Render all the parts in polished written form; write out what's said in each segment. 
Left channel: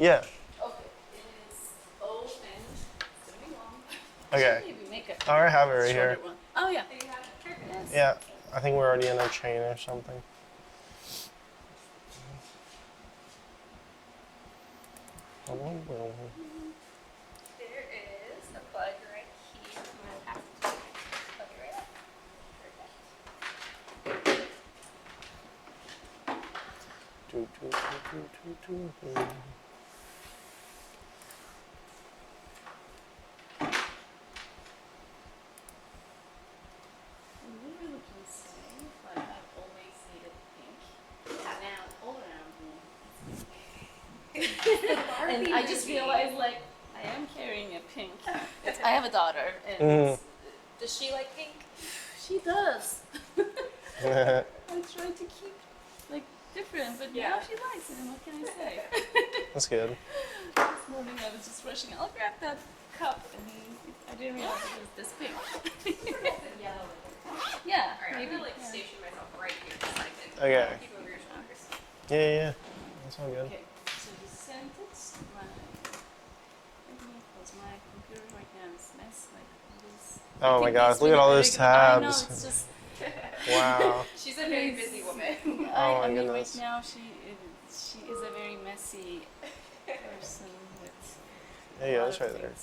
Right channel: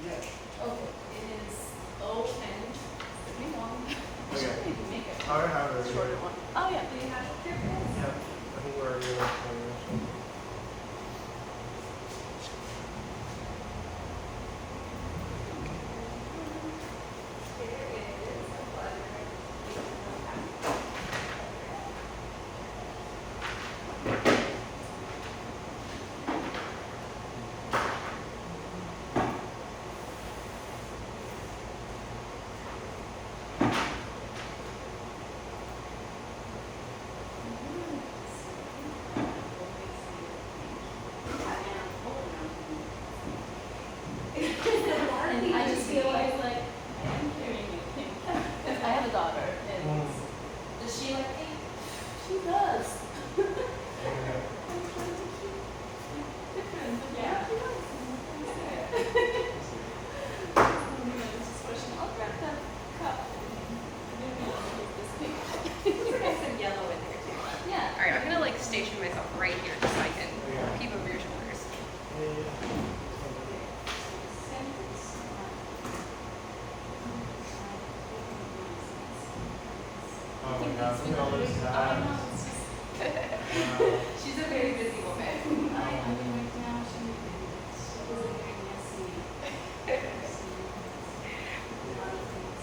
Yeah. Okay, it is O and hang on. Okay. I already have it right here. Oh yeah, do you have the characters? Yeah. I think we're already in a chain or something. Here is a button right here. And I just realized, like, I am carrying a pink. I have a daughter, and does she like pink? She does. I try to keep like different, but yeah, she likes it. What can I say? That's good. It's just rushing. I'll grab the cup and maybe I'll use this pink. There's some yellow in there too. Yeah. All right, I'm gonna like station myself right here just so I can keep over your shoulders. Yeah. It's all good. Oh my gosh, look at all those tabs. I know, it's just Wow. She's a very busy woman. Oh my goodness. Right now she is a very messy person. Yeah, that's right there.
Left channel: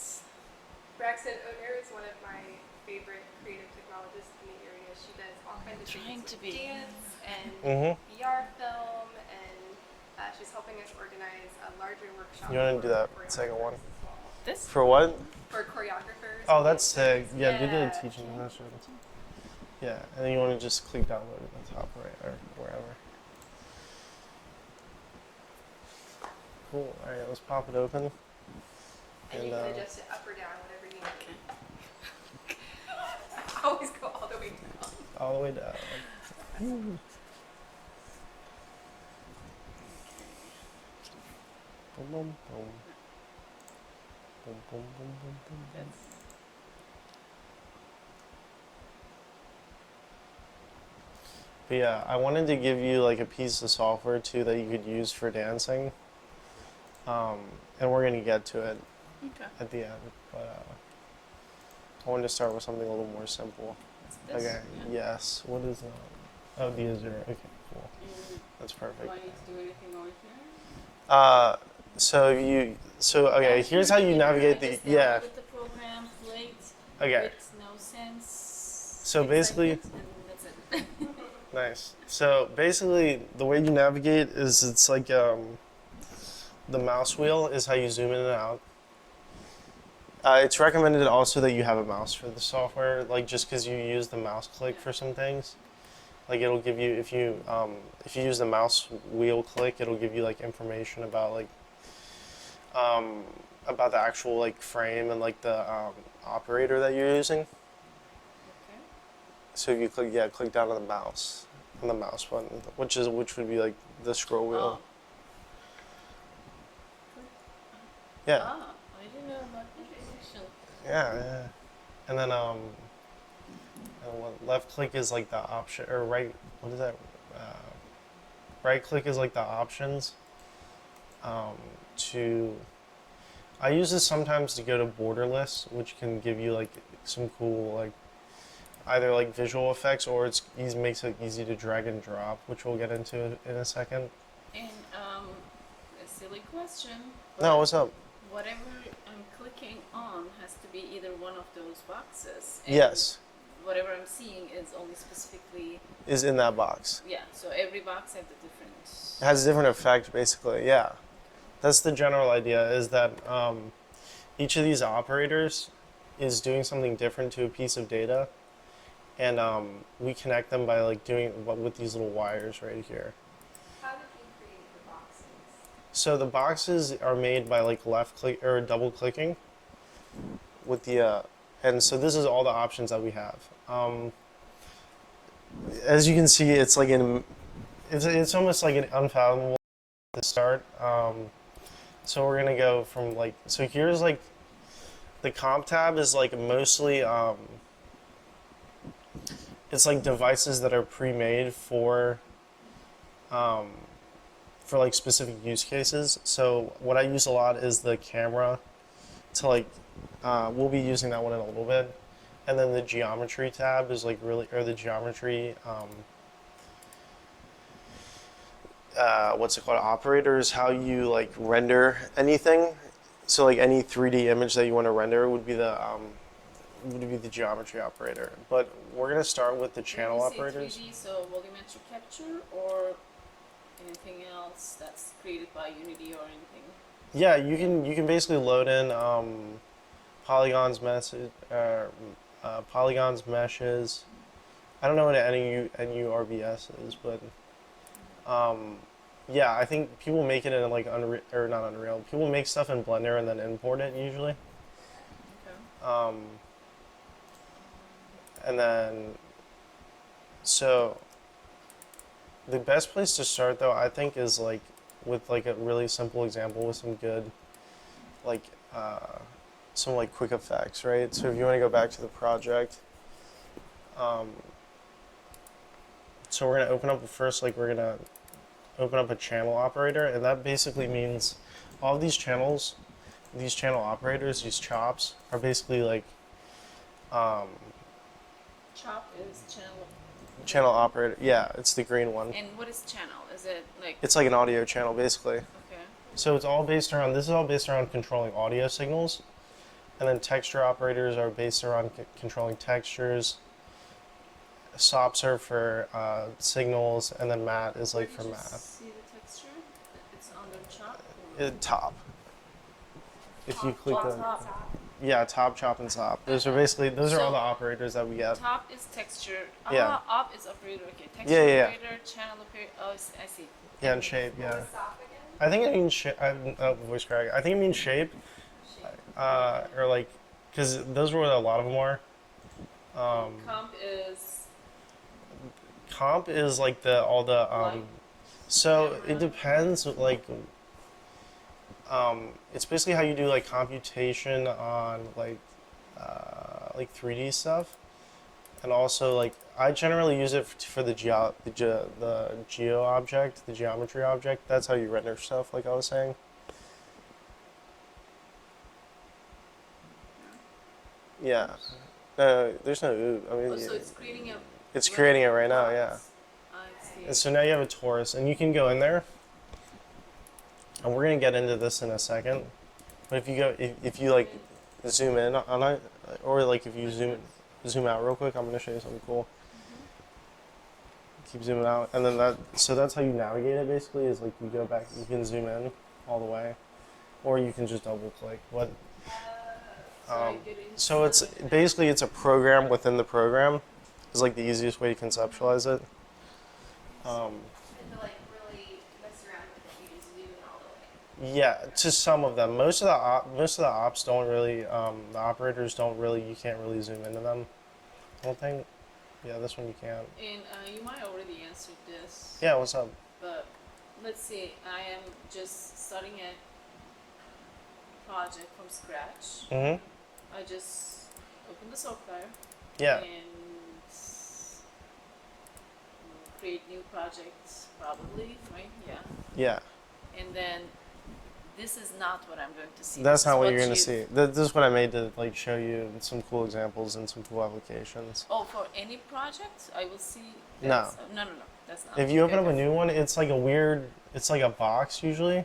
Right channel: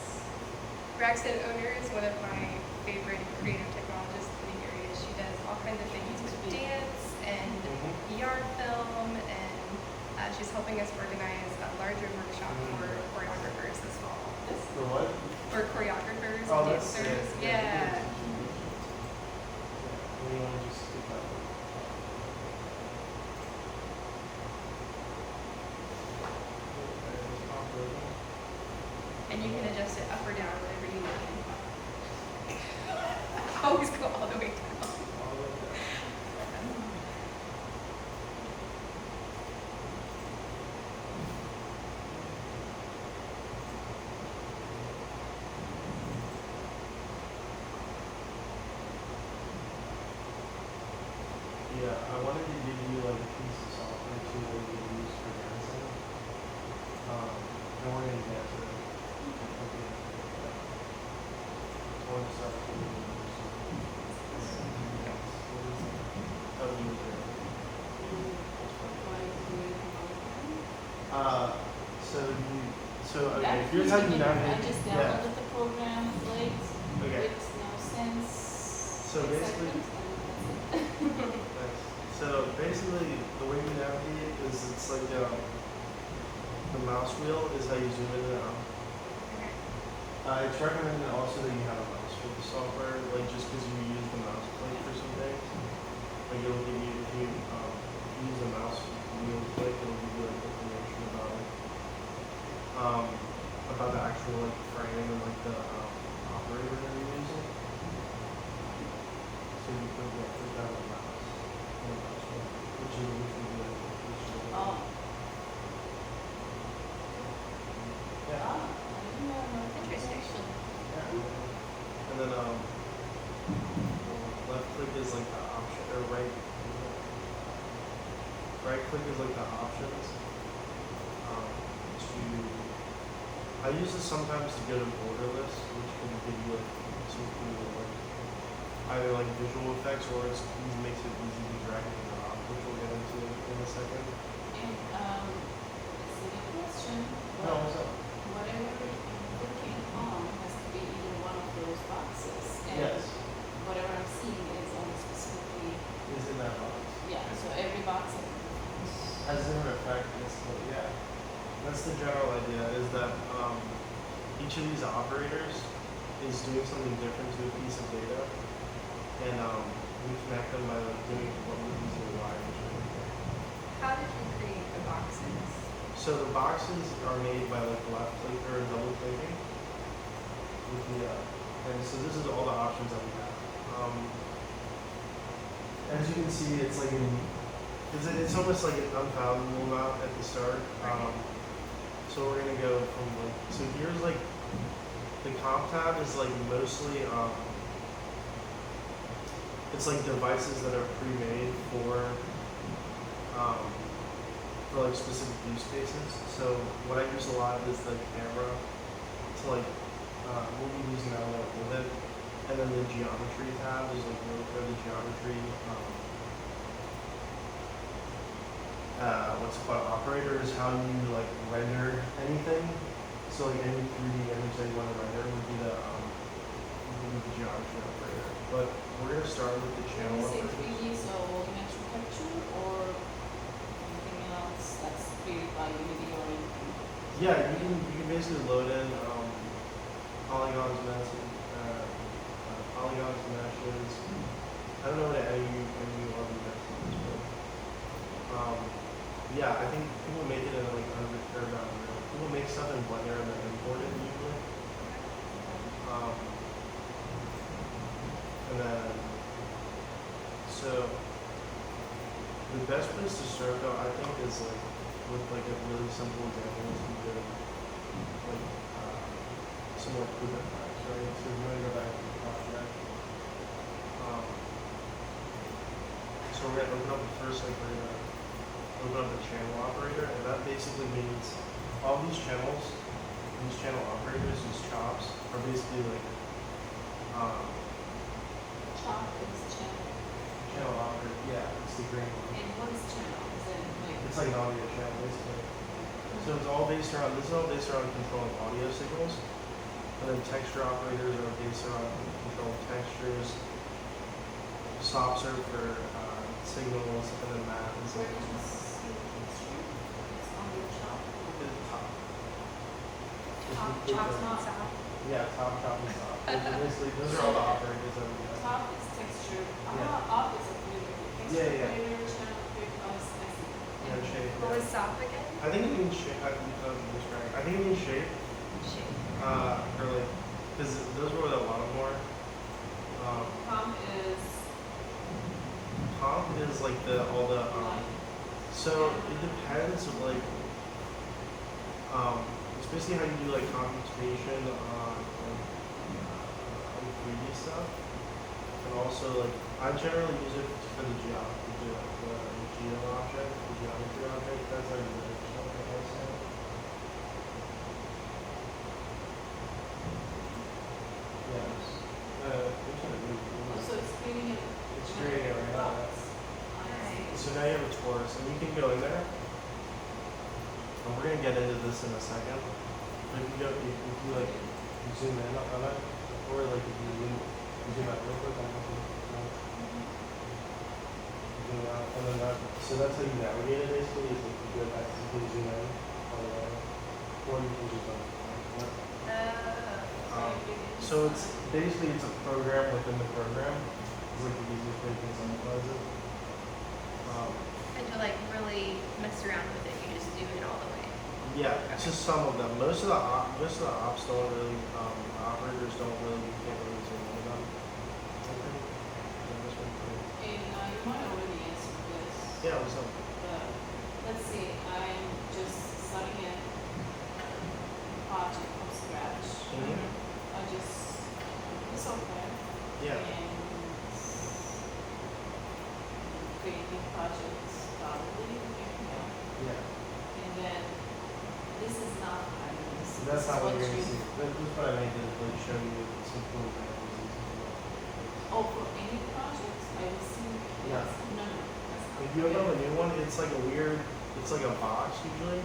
Braxton Owner is one of my favorite creative technologists in the area. She does all kinds of things with dance and ER film, and she's helping us organize a larger workshop You want to do that for second one? choreographers this fall. For what? For choreographers. Oh, that's sick. dancers. Yeah, you did teach you. Yeah, and then you want to just click that one top there. Cool. Alright, let's pop it open. And you can adjust it up or down whenever you need. Always go all the way down. All the way down. Yeah, I wanted to give you like a piece of software too that you could use for dancing, and we're gonna get to it at the end. But I wanted to start with something a little more simple. Okay. Yes. What is that? That would be a 0. Okay, cool. That's perfect. Okay. Here's how you navigate the The program, Okay. makes no sense. So basically. That's it. Nice. So basically, the way you navigate is it's like the mouse wheel is how you zoom in and out. It's recommended also that you have a mouse for the software, like just because you use the mouse click for some things. Like it'll give you if you use the mouse wheel click, it'll give you like information about the actual like frame and like the operator that you're using. So if you click down on the mouse button, which would be like the scroll wheel. Yeah. Oh, I didn't know. Interesting. Yeah. And then left click is like the option, or right. What is that? Right click is like the options. I use this sometimes to go to borderless, which can give you like some cool like either like visual effects or it makes it easy to drag and drop, which we'll get into in a second. And a silly question. No, what's up? Whatever I'm clicking on has to be either one of those boxes. And Yes. Whatever I'm seeing is only specifically. Is in that box. Yeah. So every box has It has a different effect, basically. Yeah. That's the general idea. Is that each of these operators is doing something different to a piece of data. And we connect them by like doing with these little wires right here. How did you create the boxes? So the boxes are made by like left click or double clicking with the, and so this is all the options that we have. As you can see, it's like it's almost like an unfathomable amount at the start. So we're gonna go from like, so here's like, the comp tab is like mostly, it's like devices that are pre-made for for like specific use cases. So what I use a lot is the camera to like, we'll be using that one in a little bit. And then the geometry tab is like really, or the geometry, what's it called, operator is how you like render anything. So like any 3D image that you want to render would be the geometry operator. But we're gonna start with the channel When you say operators. 3D, so volumetric capture or anything else that's created by Unity or anything? Yeah, you can basically load in polygons, polygons, meshes. I don't know what NURBS is, but yeah, I think people make it in like Unreal, or not Unreal. People make stuff in Blender and then import it usually. And then, so the best place to start though, I think, is like with like a really simple example with some good, like some like quick effects, right? So if you want to go back to the project, so we're gonna open up first, like we're gonna open up a channel operator, and that basically means all of these channel operators, these chops, are basically like Chop is channel. channel operator. Yeah, it's the green one. And what is channel? Is it like? It's like an audio channel, basically. Okay. So it's all based around, this is all based around controlling audio signals. And then texture operators are based around controlling textures. SOPs are for signals, and then mat is like for mat. It's on the chop. The top. If you Top, click top, the, top. yeah, top, chop, and SOP. Those are basically, those are all the operators that we get. Top is texture. Yeah. Up is operator. Okay. Yeah, Texture yeah, yeah. operator, channel operator, I see. Yeah, and shape, What yeah. was SOP again? I think it means shape, voice crack. I think it means shape, Shape. or like, because those were what a lot of them were. Comp is like all the Line. so it depends, like it's basically how you do like computation on like 3D stuff, and also like I generally use it for the geo object, the geometry object. That's how you render stuff, like I was saying. Yeah. No, there's no ooh. I mean, So it's creating a. it's creating it right now, yeah. I see. And so now you have a torus, and you can go in there, and we're gonna get into this in a second. But if you go, if you like zoom in on it, or like if you zoom out real quick, I'm gonna show you something cool. Keep zooming out, and then so that's how you navigate it basically, is like you go back, you can zoom in all the way, or you can just double click. What? So it's basically, it's a program within the program. Is like the easiest way to conceptualize it. And to like really mess around with it, you just do it all the way. Yeah, to some of them. Most of the ops don't really. The operators don't really. You can't really zoom into them. I don't think. Yeah, this one you can't. And you might already answer this. Yeah, what's up? But let's say I am just starting a project from scratch. Mm-hmm. I just open the software Yeah. and create new projects, probably, yeah. Yeah. And then this is not what I'm going to see. That's not what This you're is gonna see. This is what I made to like show you some cool examples and some cool applications. Oh, for any project, I will see. No. No, that's not. If you open up a new one, it's like a weird. It's like a box usually,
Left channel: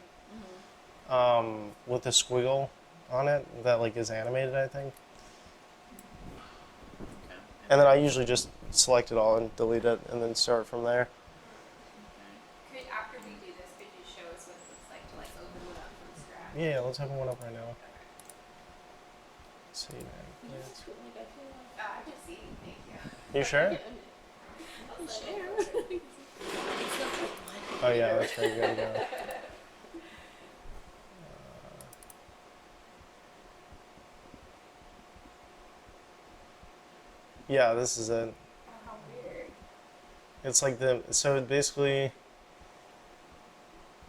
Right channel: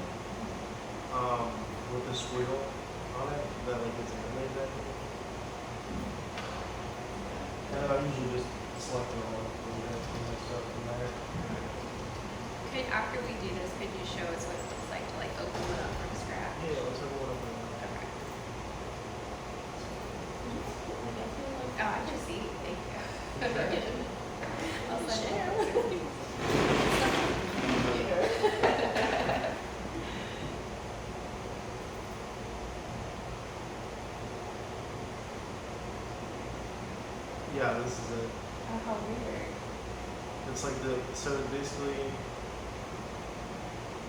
with a squiggle on it that like is animated, I think. And then I usually just select it all and delete it, and then start from there. Could, after we do this, could you show us what it looks like to like open it up from scratch? Yeah, let's open one up right now. Okay. Let's see. Oh, I just see. Thank you. You sure? I'll send it. Oh yeah, that's pretty good. Yeah, this is it. Oh, how weird. It's like so basically,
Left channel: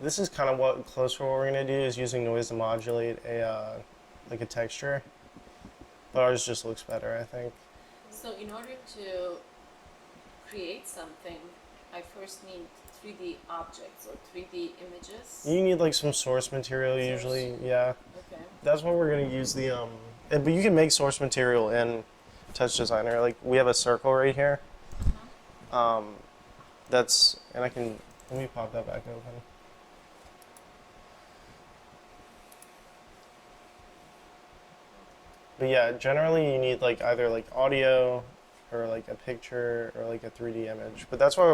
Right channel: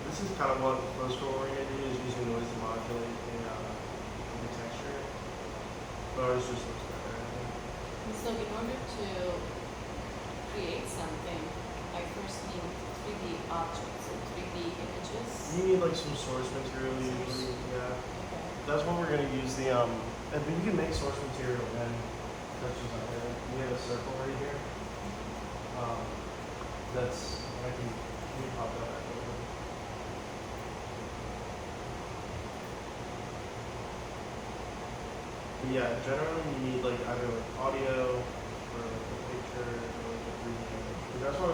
this is kind of what close to what we're gonna do, is using noise to modulate like a texture. But ours just looks better, I think. So in order to create something, I first need 3D objects or 3D images. You need like some source material usually, yeah. Okay. That's what we're gonna use but you can make source material in Touch Designer. Like we have a circle right here. And let me pop that back up. But yeah, generally you need like either like audio or like a picture or like a 3D image. But that's why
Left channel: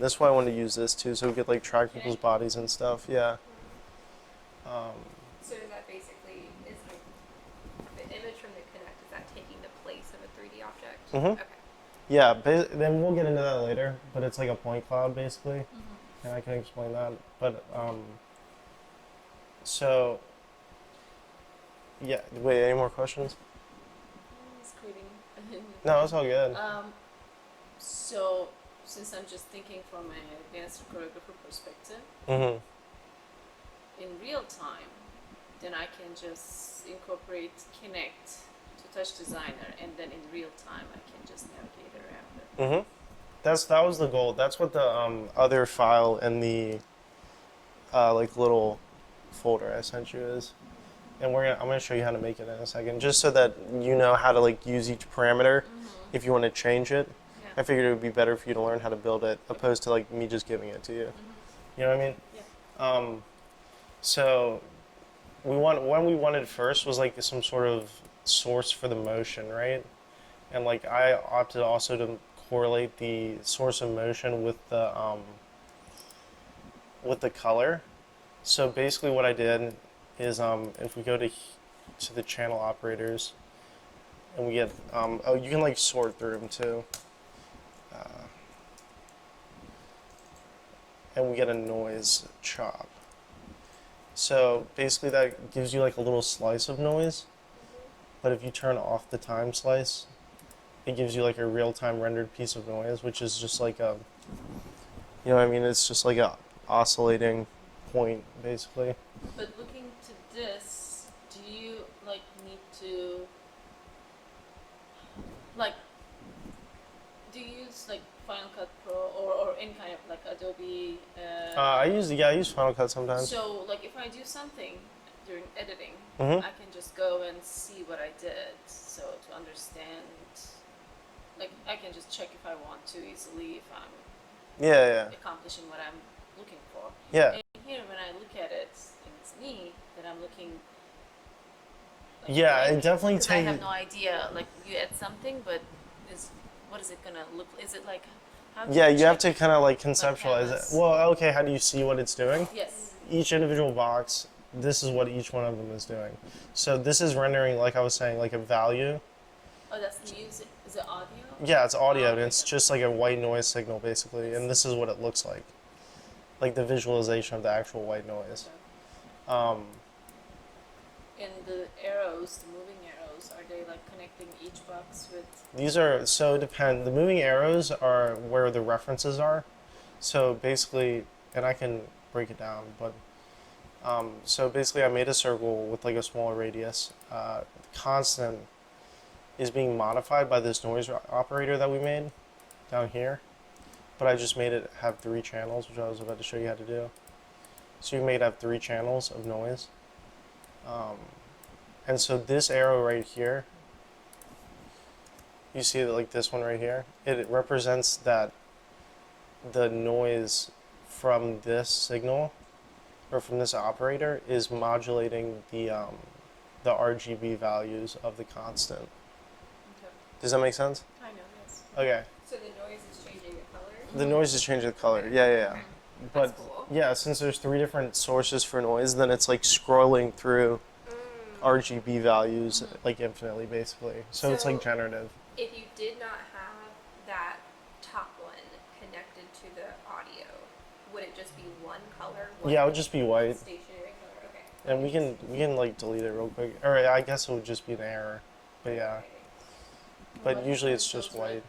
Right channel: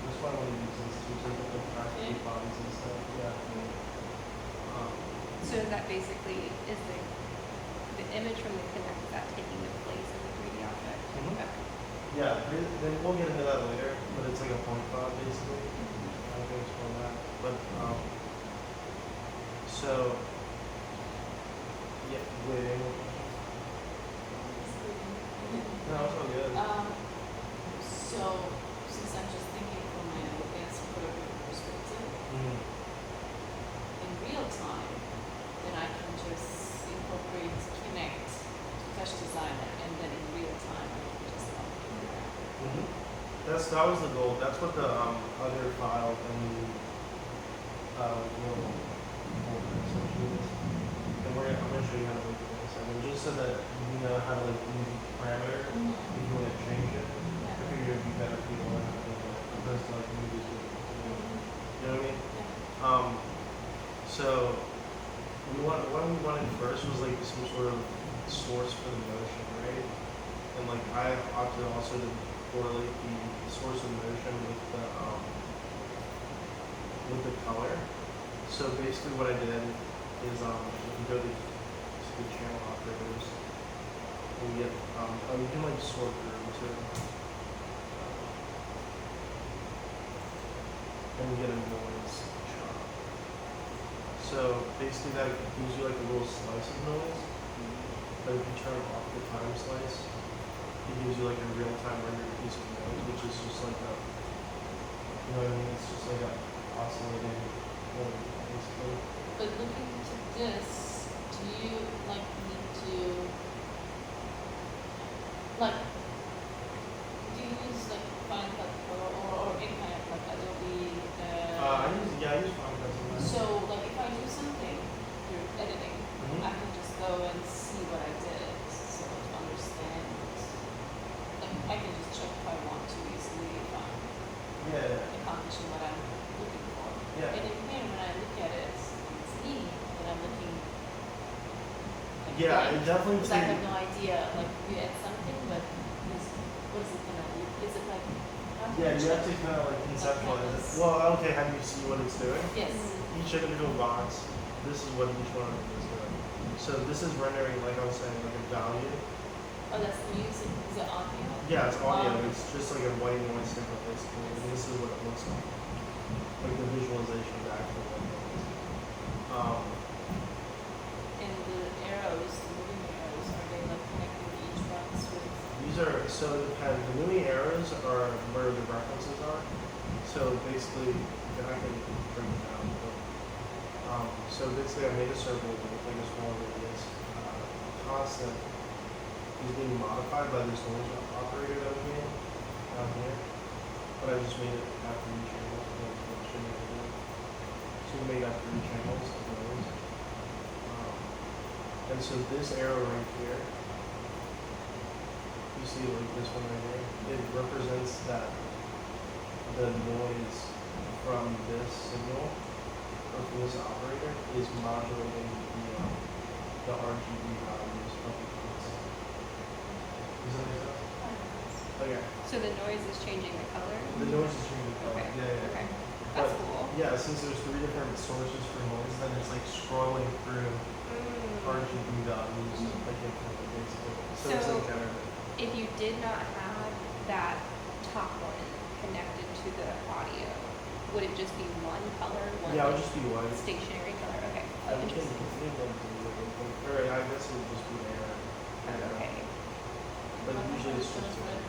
that's why I wanted to use this too, so we could like track people's bodies and stuff, yeah. So that basically is the image from the Kinect, is that taking the place of the 3D object? Mhm. Okay. Yeah, but then we'll get into that later, but it's like a point cloud basically, and I can explain that. But, so, yeah, wait, any more questions? No, it's all good. So, since I'm just thinking from my advanced program perspective, Mm-hmm. in real time, then I can just incorporate Kinect to Touch Designer, and then in real time I can just update it. Mm-hmm. That was the goal. That's what the other file in the like little folder I sent you is. And I'm gonna show you how to make it in a second, just so that you know how to like use each parameter if you want to change it. I figured it would be better for you to learn how to build it, opposed to like me just giving it to you. You know what I mean? So what we wanted first was like some sort of source for the motion, right? And like I opted also to correlate the source of motion with the color. So basically what I did is if we go to the channel operators and we get, you can like sort through them too. And we get a noise chop. So basically that gives you like a little slice of noise, but if you turn off the time slice, it gives you like a real-time rendered piece of noise, which is just like you know what I mean? It's just like a oscillating point, basically. But looking to this, do you like need to like do you use like Final Cut Pro or any kind of like Adobe? I use Final Cut sometimes. So like if I do something through editing, Mhm. I can just go and see what I did, so to understand. Like I can just check if I want to easily if I'm Yeah. accomplishing what I'm looking for. Yeah. And in here, when I look at it, it's me that I'm looking. Yeah, it definitely I takes. have no idea. Like you add something, but what is it gonna look? Is it like? how do Yeah, you have to check? kind of like conceptualize it. Well, okay, how do you see what it's doing? Yes. Each individual box, this is what each one of them is doing. So this is rendering, like I was saying, like a value. Oh, that's the music. Is it audio? Yeah, it's audio, and it's just like a white noise signal, basically, and this is what it looks like the visualization of the actual white noise. And the arrows, the moving arrows, are they like connecting each box with? These are, so it depends. The moving arrows are where the references are. So basically, and I can break it down, but so basically I made a circle with like a smaller radius. Constant is being modified by this noise operator that we made down here. But I just made it have 3 channels, which I was about to show you how to do. So you made have 3 channels of noise. And so this arrow right here, you see it like this one right here, it represents that the noise from this signal or from this operator is modulating the RGB values of the constant. Does that make sense? Okay. So the noise is changing the color? The noise is changing the color. Okay. Yeah. Okay. That's But cool. yeah, since there's 3 different sources for noise, then it's like scrolling through RGB values like infinitely, basically. So it's like So- generative. If you did not have that top one connected to the audio, would it just be one color? Yeah, it would just be white. Stationary color, okay. And we can like delete it real quick. Or I guess it would just be an error. But yeah. Okay. But usually it's just white. Is it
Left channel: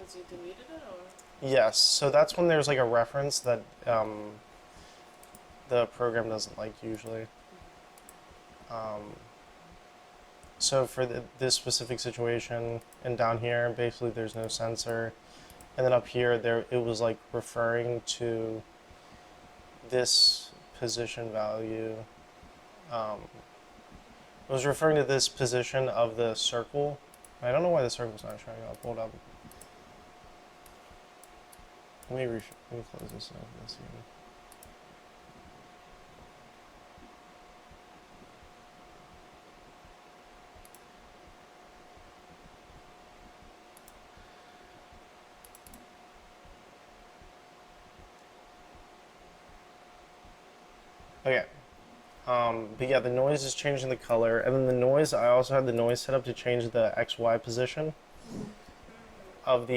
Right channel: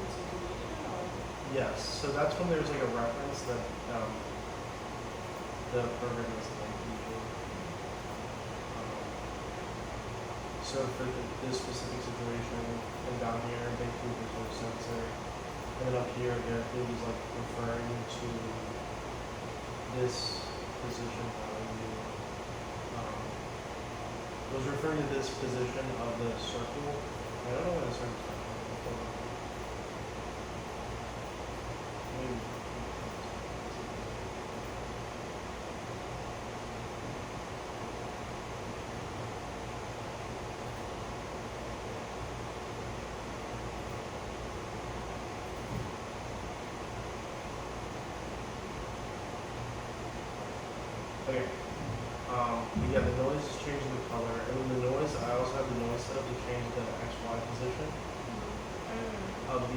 because you deleted it or? Yes. So that's when there's like a reference that the program doesn't like usually. So for this specific situation and down here, basically there's no sensor. And then up here, there it was like referring to this position value. It was referring to this position of the circle. I don't know why the circle's not showing up. Hold up. Let me put this. Okay. But yeah, the noise is changing the color, and then the noise. I also have the noise set up to change the XY position of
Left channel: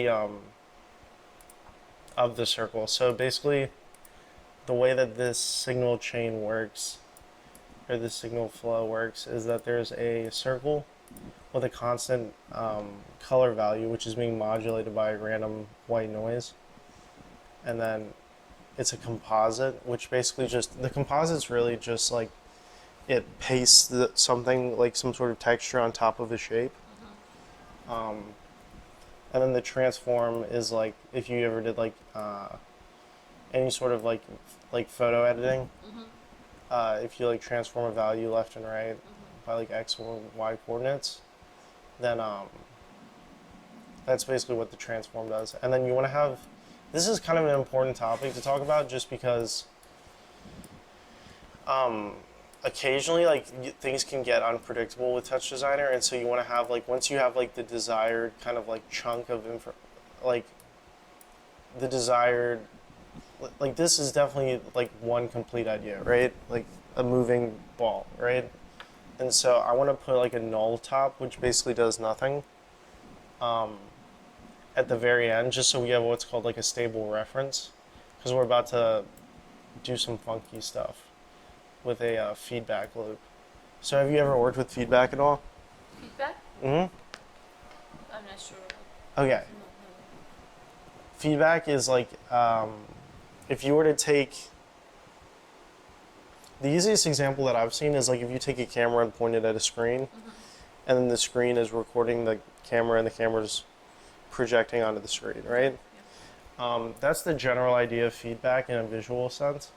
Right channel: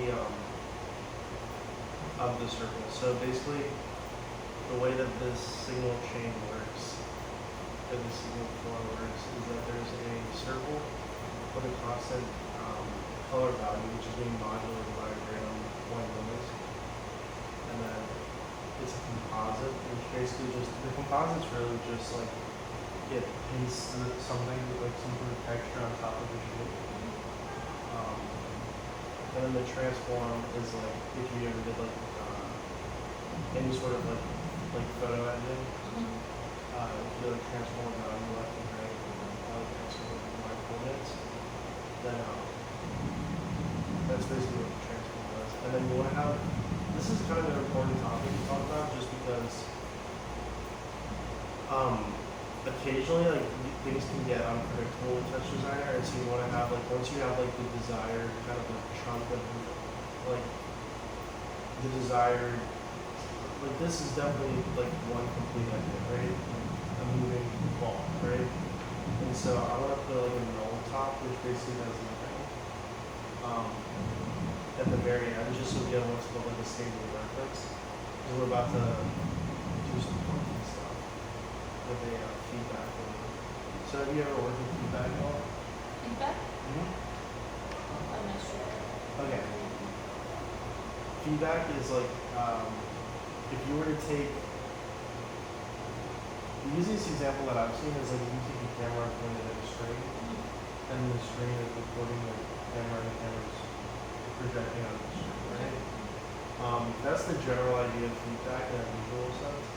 the circle. So basically, the way that this signal chain works, or the signal flow works, is that there's a circle with a constant color value, which is being modulated by random white noise, and then it's a composite, which basically the composite's really just like it pastes something like some sort of texture on top of the shape. And then the transform is like if you ever did like any sort of like photo editing, if you like transform a value left and right by like X and Y coordinates, then that's basically what the transform does. And then you want to have, this is kind of an important topic to talk about just because occasionally like things can get unpredictable with Touch Designer, and so you want to have like, once you have like the desired kind of like chunk of like the desired, like this is definitely like one complete idea, right? Like a moving ball, right? And so I want to put like a null top, which basically does nothing, at the very end, just so we have what's called like a stable reference, because we're about to do some funky stuff with a feedback loop. So have you ever worked with feedback at all? Feedback? Mm-hmm. I'm not sure. Okay. Feedback is like, if you were to take, the easiest example that I've seen is like if you take a camera and point it at a screen, and then the screen is recording the camera and the camera's projecting onto the screen, right? That's the general idea of feedback in a visual sense.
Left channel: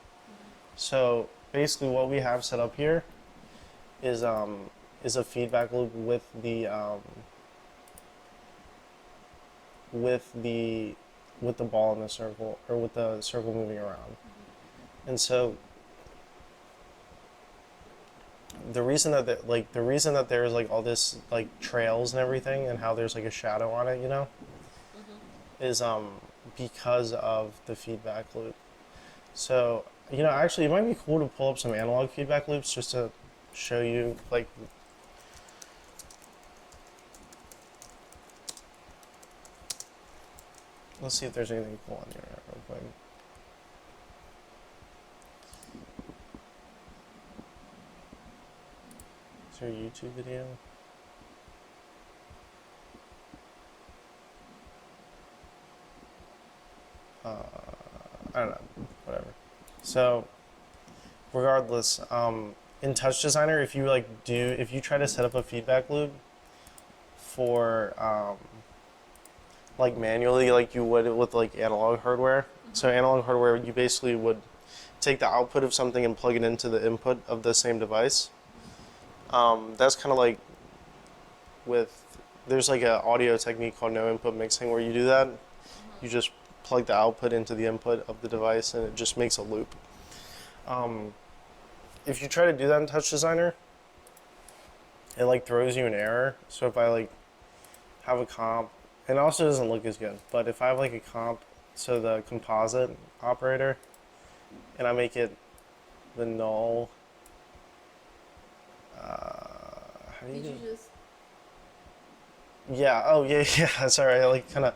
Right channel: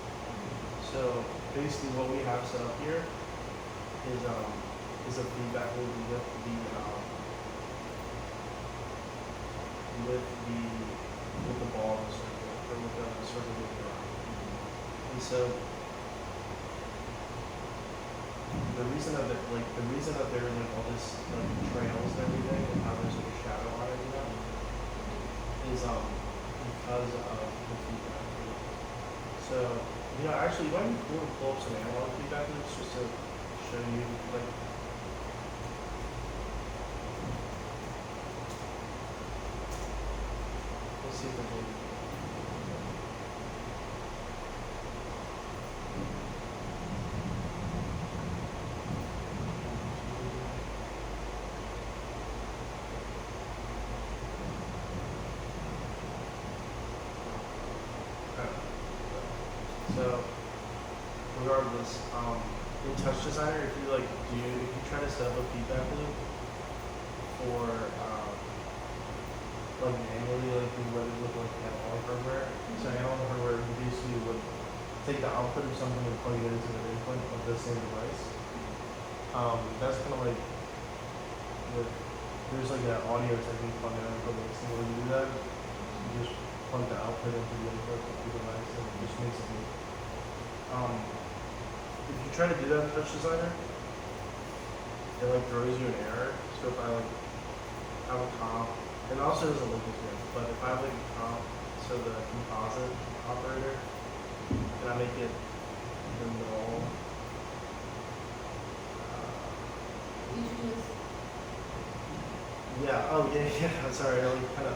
So basically what we have set up here is a feedback loop with the ball in the circle, or with the circle moving around. And so the reason that there's like all this like trails and everything, and how there's like a shadow on it, you know, is because of the feedback loop. So, you know, actually it might be cool to pull up some analog feedback loops just to show you like, let's see if there's anything cool. Is there a YouTube video? I don't know, whatever. So, regardless, in Touch Designer, if you try to set up a feedback loop for like manually, like you would with like analog hardware. So analog hardware, you basically would take the output of something and plug it into the input of the same device. That's kind of like there's like an audio technique called no input mixing where you do that. You just plug the output into the input of the device and it just makes a loop. If you try to do that in Touch Designer, it like throws you an error. So if I like have a comp, it also doesn't look as good, but if I have like a comp, so the composite operator, and I make it the null, yeah, oh yeah, that's all right. I like kind of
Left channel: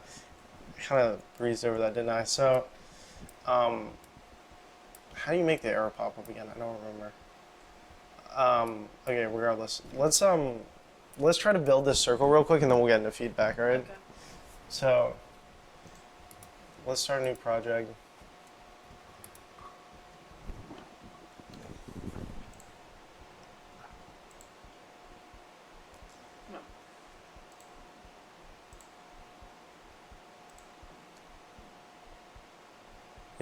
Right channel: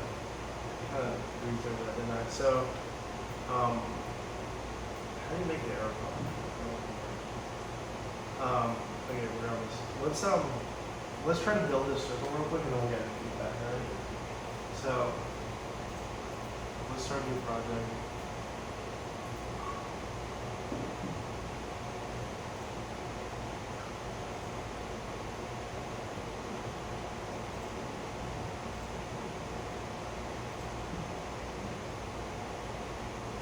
breezed over that, didn't I? So, how do you make the error pop up again? I don't remember. Okay, regardless, let's try to build this circle real quick, and then we'll get into feedback. All right. So, let's start a new project.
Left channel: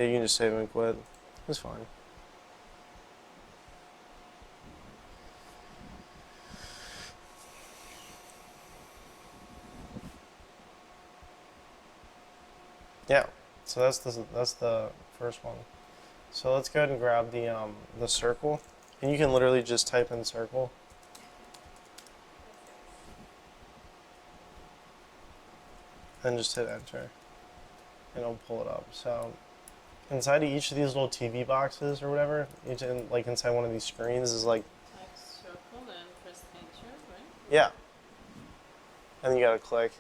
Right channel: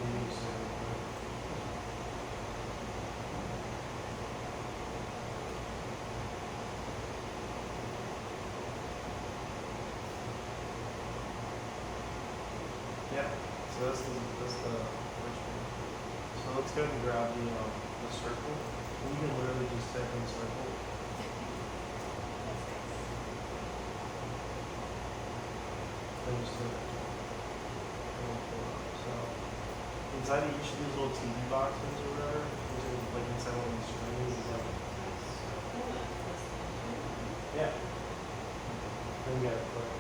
Yeah, you can just save and quit. It's fine. Yeah, so that's the first one. So let's go ahead and grab the circle, and you can literally just type in circle. Then just hit enter, and it'll pull it up. So inside of each of these little TV boxes or whatever, like inside one of these screens is like, yeah. And you gotta click.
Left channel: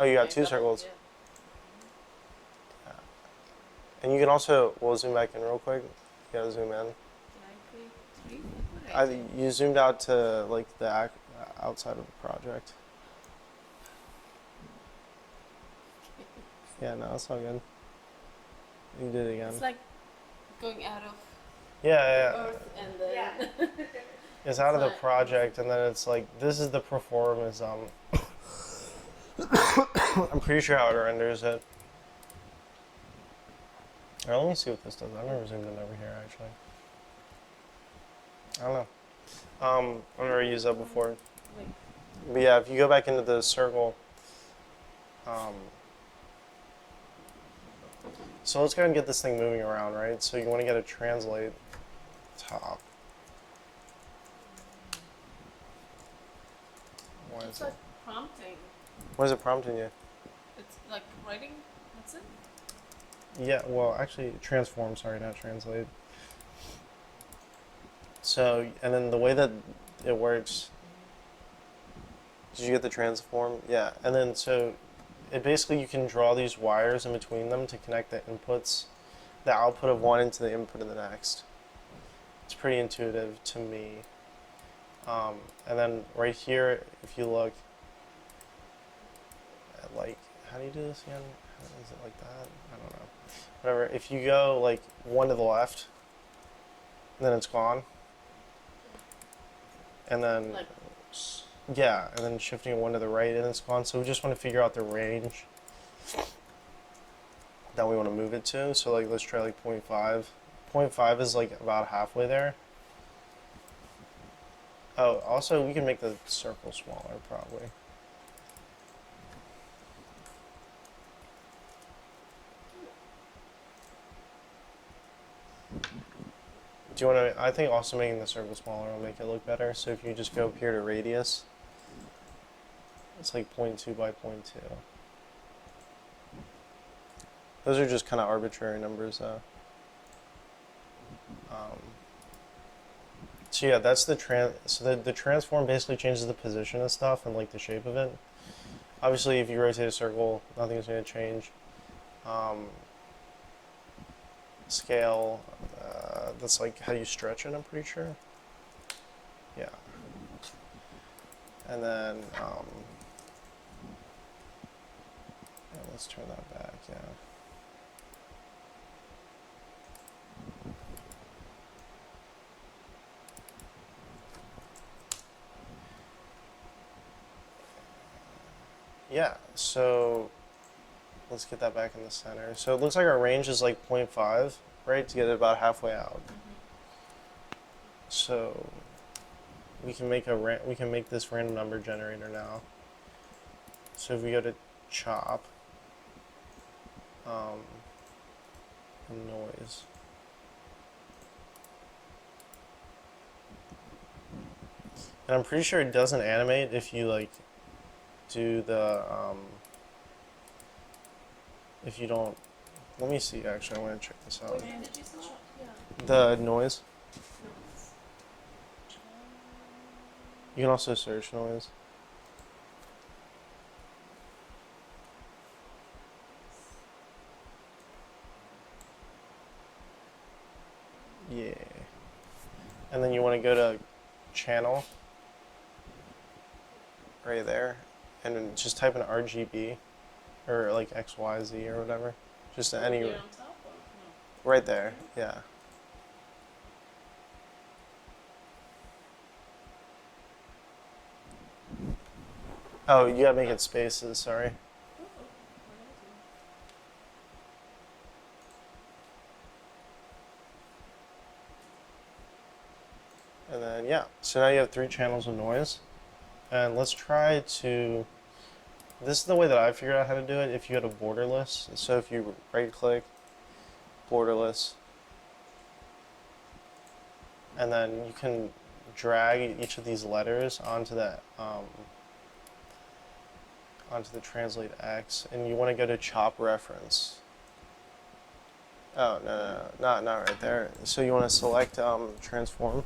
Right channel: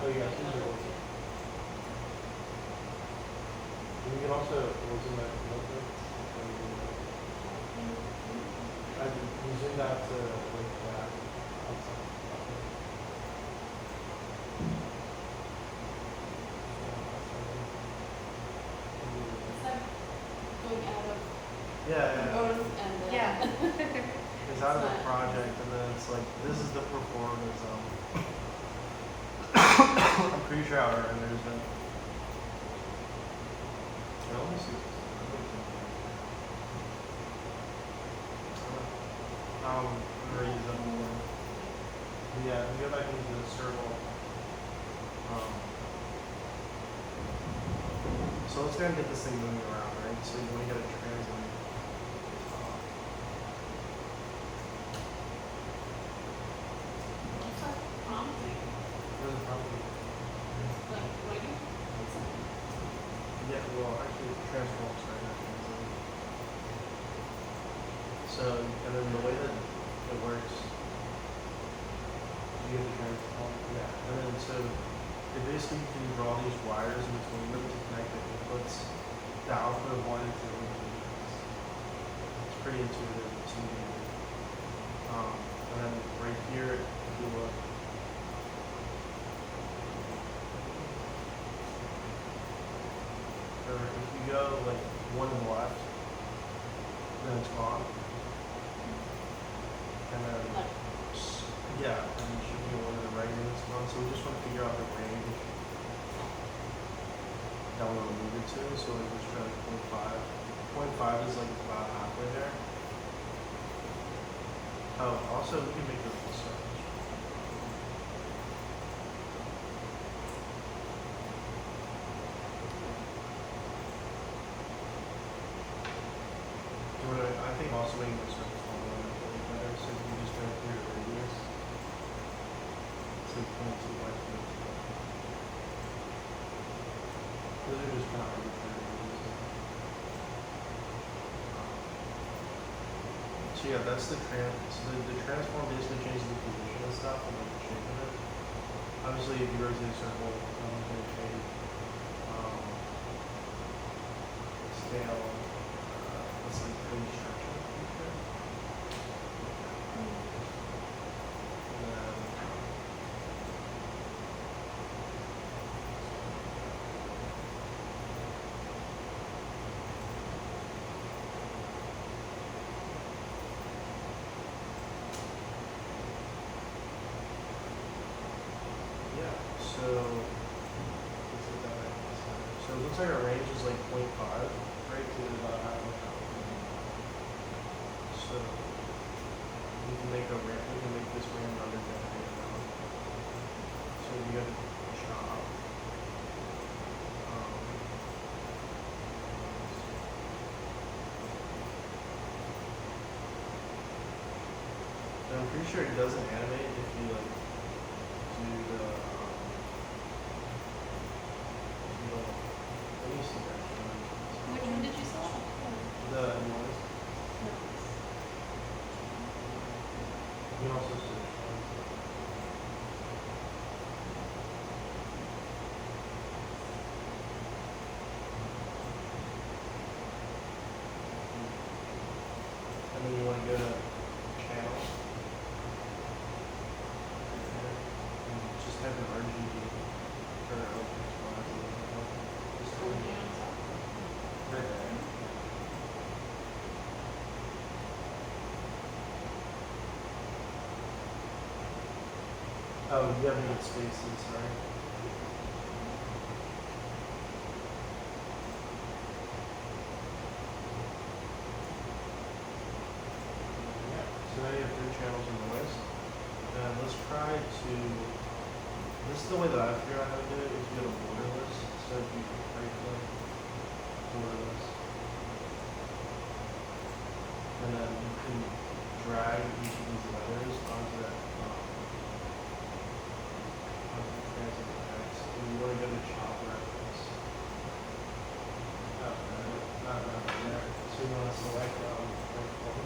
Oh, you got two circles. And you can also, we'll zoom back in real quick. You gotta zoom in. You zoomed out to like the outside of the project. Yeah, no, it's not good. You did it again. It's like going out of Yeah. Earth and then It's out of the project, and then it's like, this is the performance. I'm pretty sure how it renders it. Let me see if this does. I never zoomed in here, actually. I don't know. I've never used that before. But yeah, if you go back into the circle, so let's go ahead and get this thing moving around, right? So you want to get a translate top. it's like prompting. What is it prompting you? It's like writing. What's it? Yeah, well, actually, transform, sorry, not translate. So, and then the way that it works, did you get the transform? Yeah, and then so it basically you can draw these wires in between them to connect the inputs, the output of one into the input of the next. It's pretty intuitive to me. And then right here, if you look, like, how do you do this one? Whatever, if you go like one to the left, then it's gone. And then, yeah, and then shifting one to the right and it's gone. So we just want to figure out the range that we want to move it to. So like, let's try like 0.5. 0.5 is like about halfway there. Oh, also we can make the circle smaller probably. Do you want to, I think also making the circle smaller will make it look better. So if you just go here to radius, it's like 0.2 by 0.2. Those are just kind of arbitrary numbers though. So yeah, that's the the transform basically changes the position of stuff and like the shape of it. Obviously, if you rotate a circle, nothing's going to change. Scale, that's like how you stretch it, I'm pretty sure. Yeah. And then, let's turn that back. Yeah, so let's get that back in the center. So it looks like our range is like 0.5, right, to get it about halfway out. So we can make this random number generator now. So if we go to chop, noise. And I'm pretty sure it doesn't animate if you like do the if you don't. Let me see. Actually, I want to check this out. Which one did you start? The noise. You can also search noise. Yeah. And then you want to go to channel right there, and then just type in RGB or like XYZ or whatever. Just any right there. Yeah. Oh, you gotta make it spaces, sorry. Yeah, so now you have 3 channels of noise. And let's try to, this is the way that I figured out how to do it. If you go to borderless, so if you right click, borderless, and then you can drag each of these letters onto that, onto the translate X, and you want to go to chop reference. Oh, no, not right there. So you want to select transform,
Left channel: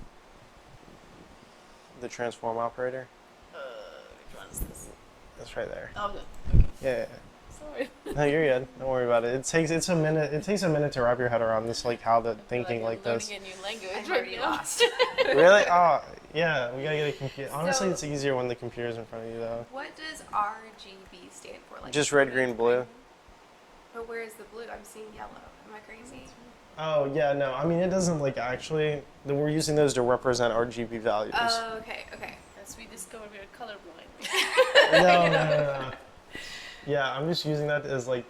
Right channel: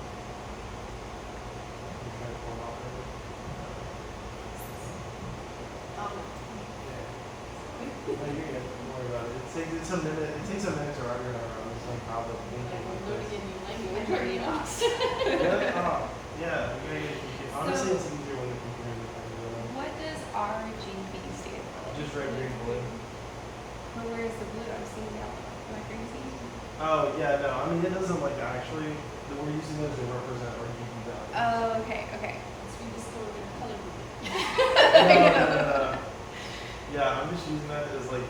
the transform operator. It's right there. Oh, Yeah. sorry. No, you're good. Don't worry about it. It takes a minute. It takes a minute to wrap your head around this, like how the thinking like this. Learning a new language. I'm already lost. Really? Oh, yeah. We gotta get a computer. Honestly, it's easier when the computer's in front of you, though. What does RGB stand for? Like Just red, green, blue. But where is the blue? I'm seeing yellow. Am I crazy? Oh yeah, no. I mean, it doesn't like actually. We're using those to represent RGB values. Oh, okay, okay. As we discovered, we're colorblind. No. Yeah, I'm just using that as like,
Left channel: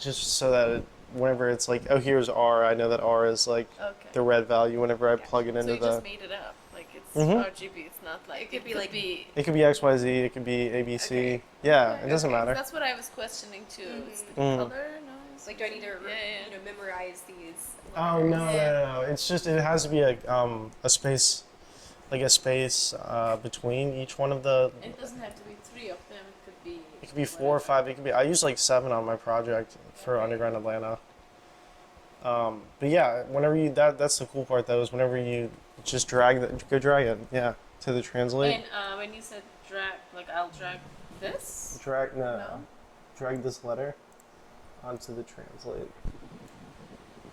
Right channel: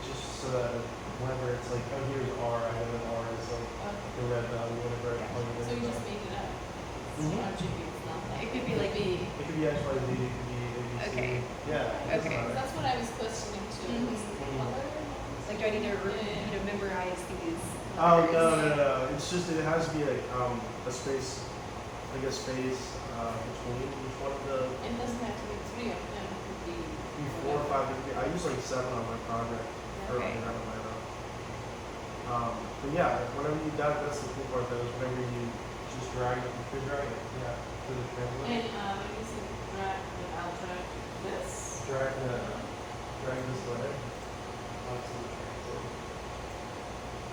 just so that whenever it's like, oh, here's R, I know that R is like Okay. the red value whenever I plug it So into you the. just made it up. Like it's Mhm. RGB. It's not like It could be like B. It could be X, Y, Z. It could be A, B, C. Okay. Yeah, it doesn't Okay. matter. That's what I was questioning too. Mhm. Is Mm. color? Like, do I need to Yeah. memorize these? Oh no, letters? no, no! It's just it has to be a space, like a space between each one of the. It doesn't have to be 3 of them. It could be. It could be 4 or 5. It could be. I use like 7 on my project for Okay. Underground Atlanta. But yeah, whenever you that's the cool part though is whenever you just drag it, yeah, to the translate. And when you said drag, like I'll drag this. Drag No. drag this letter onto the translate,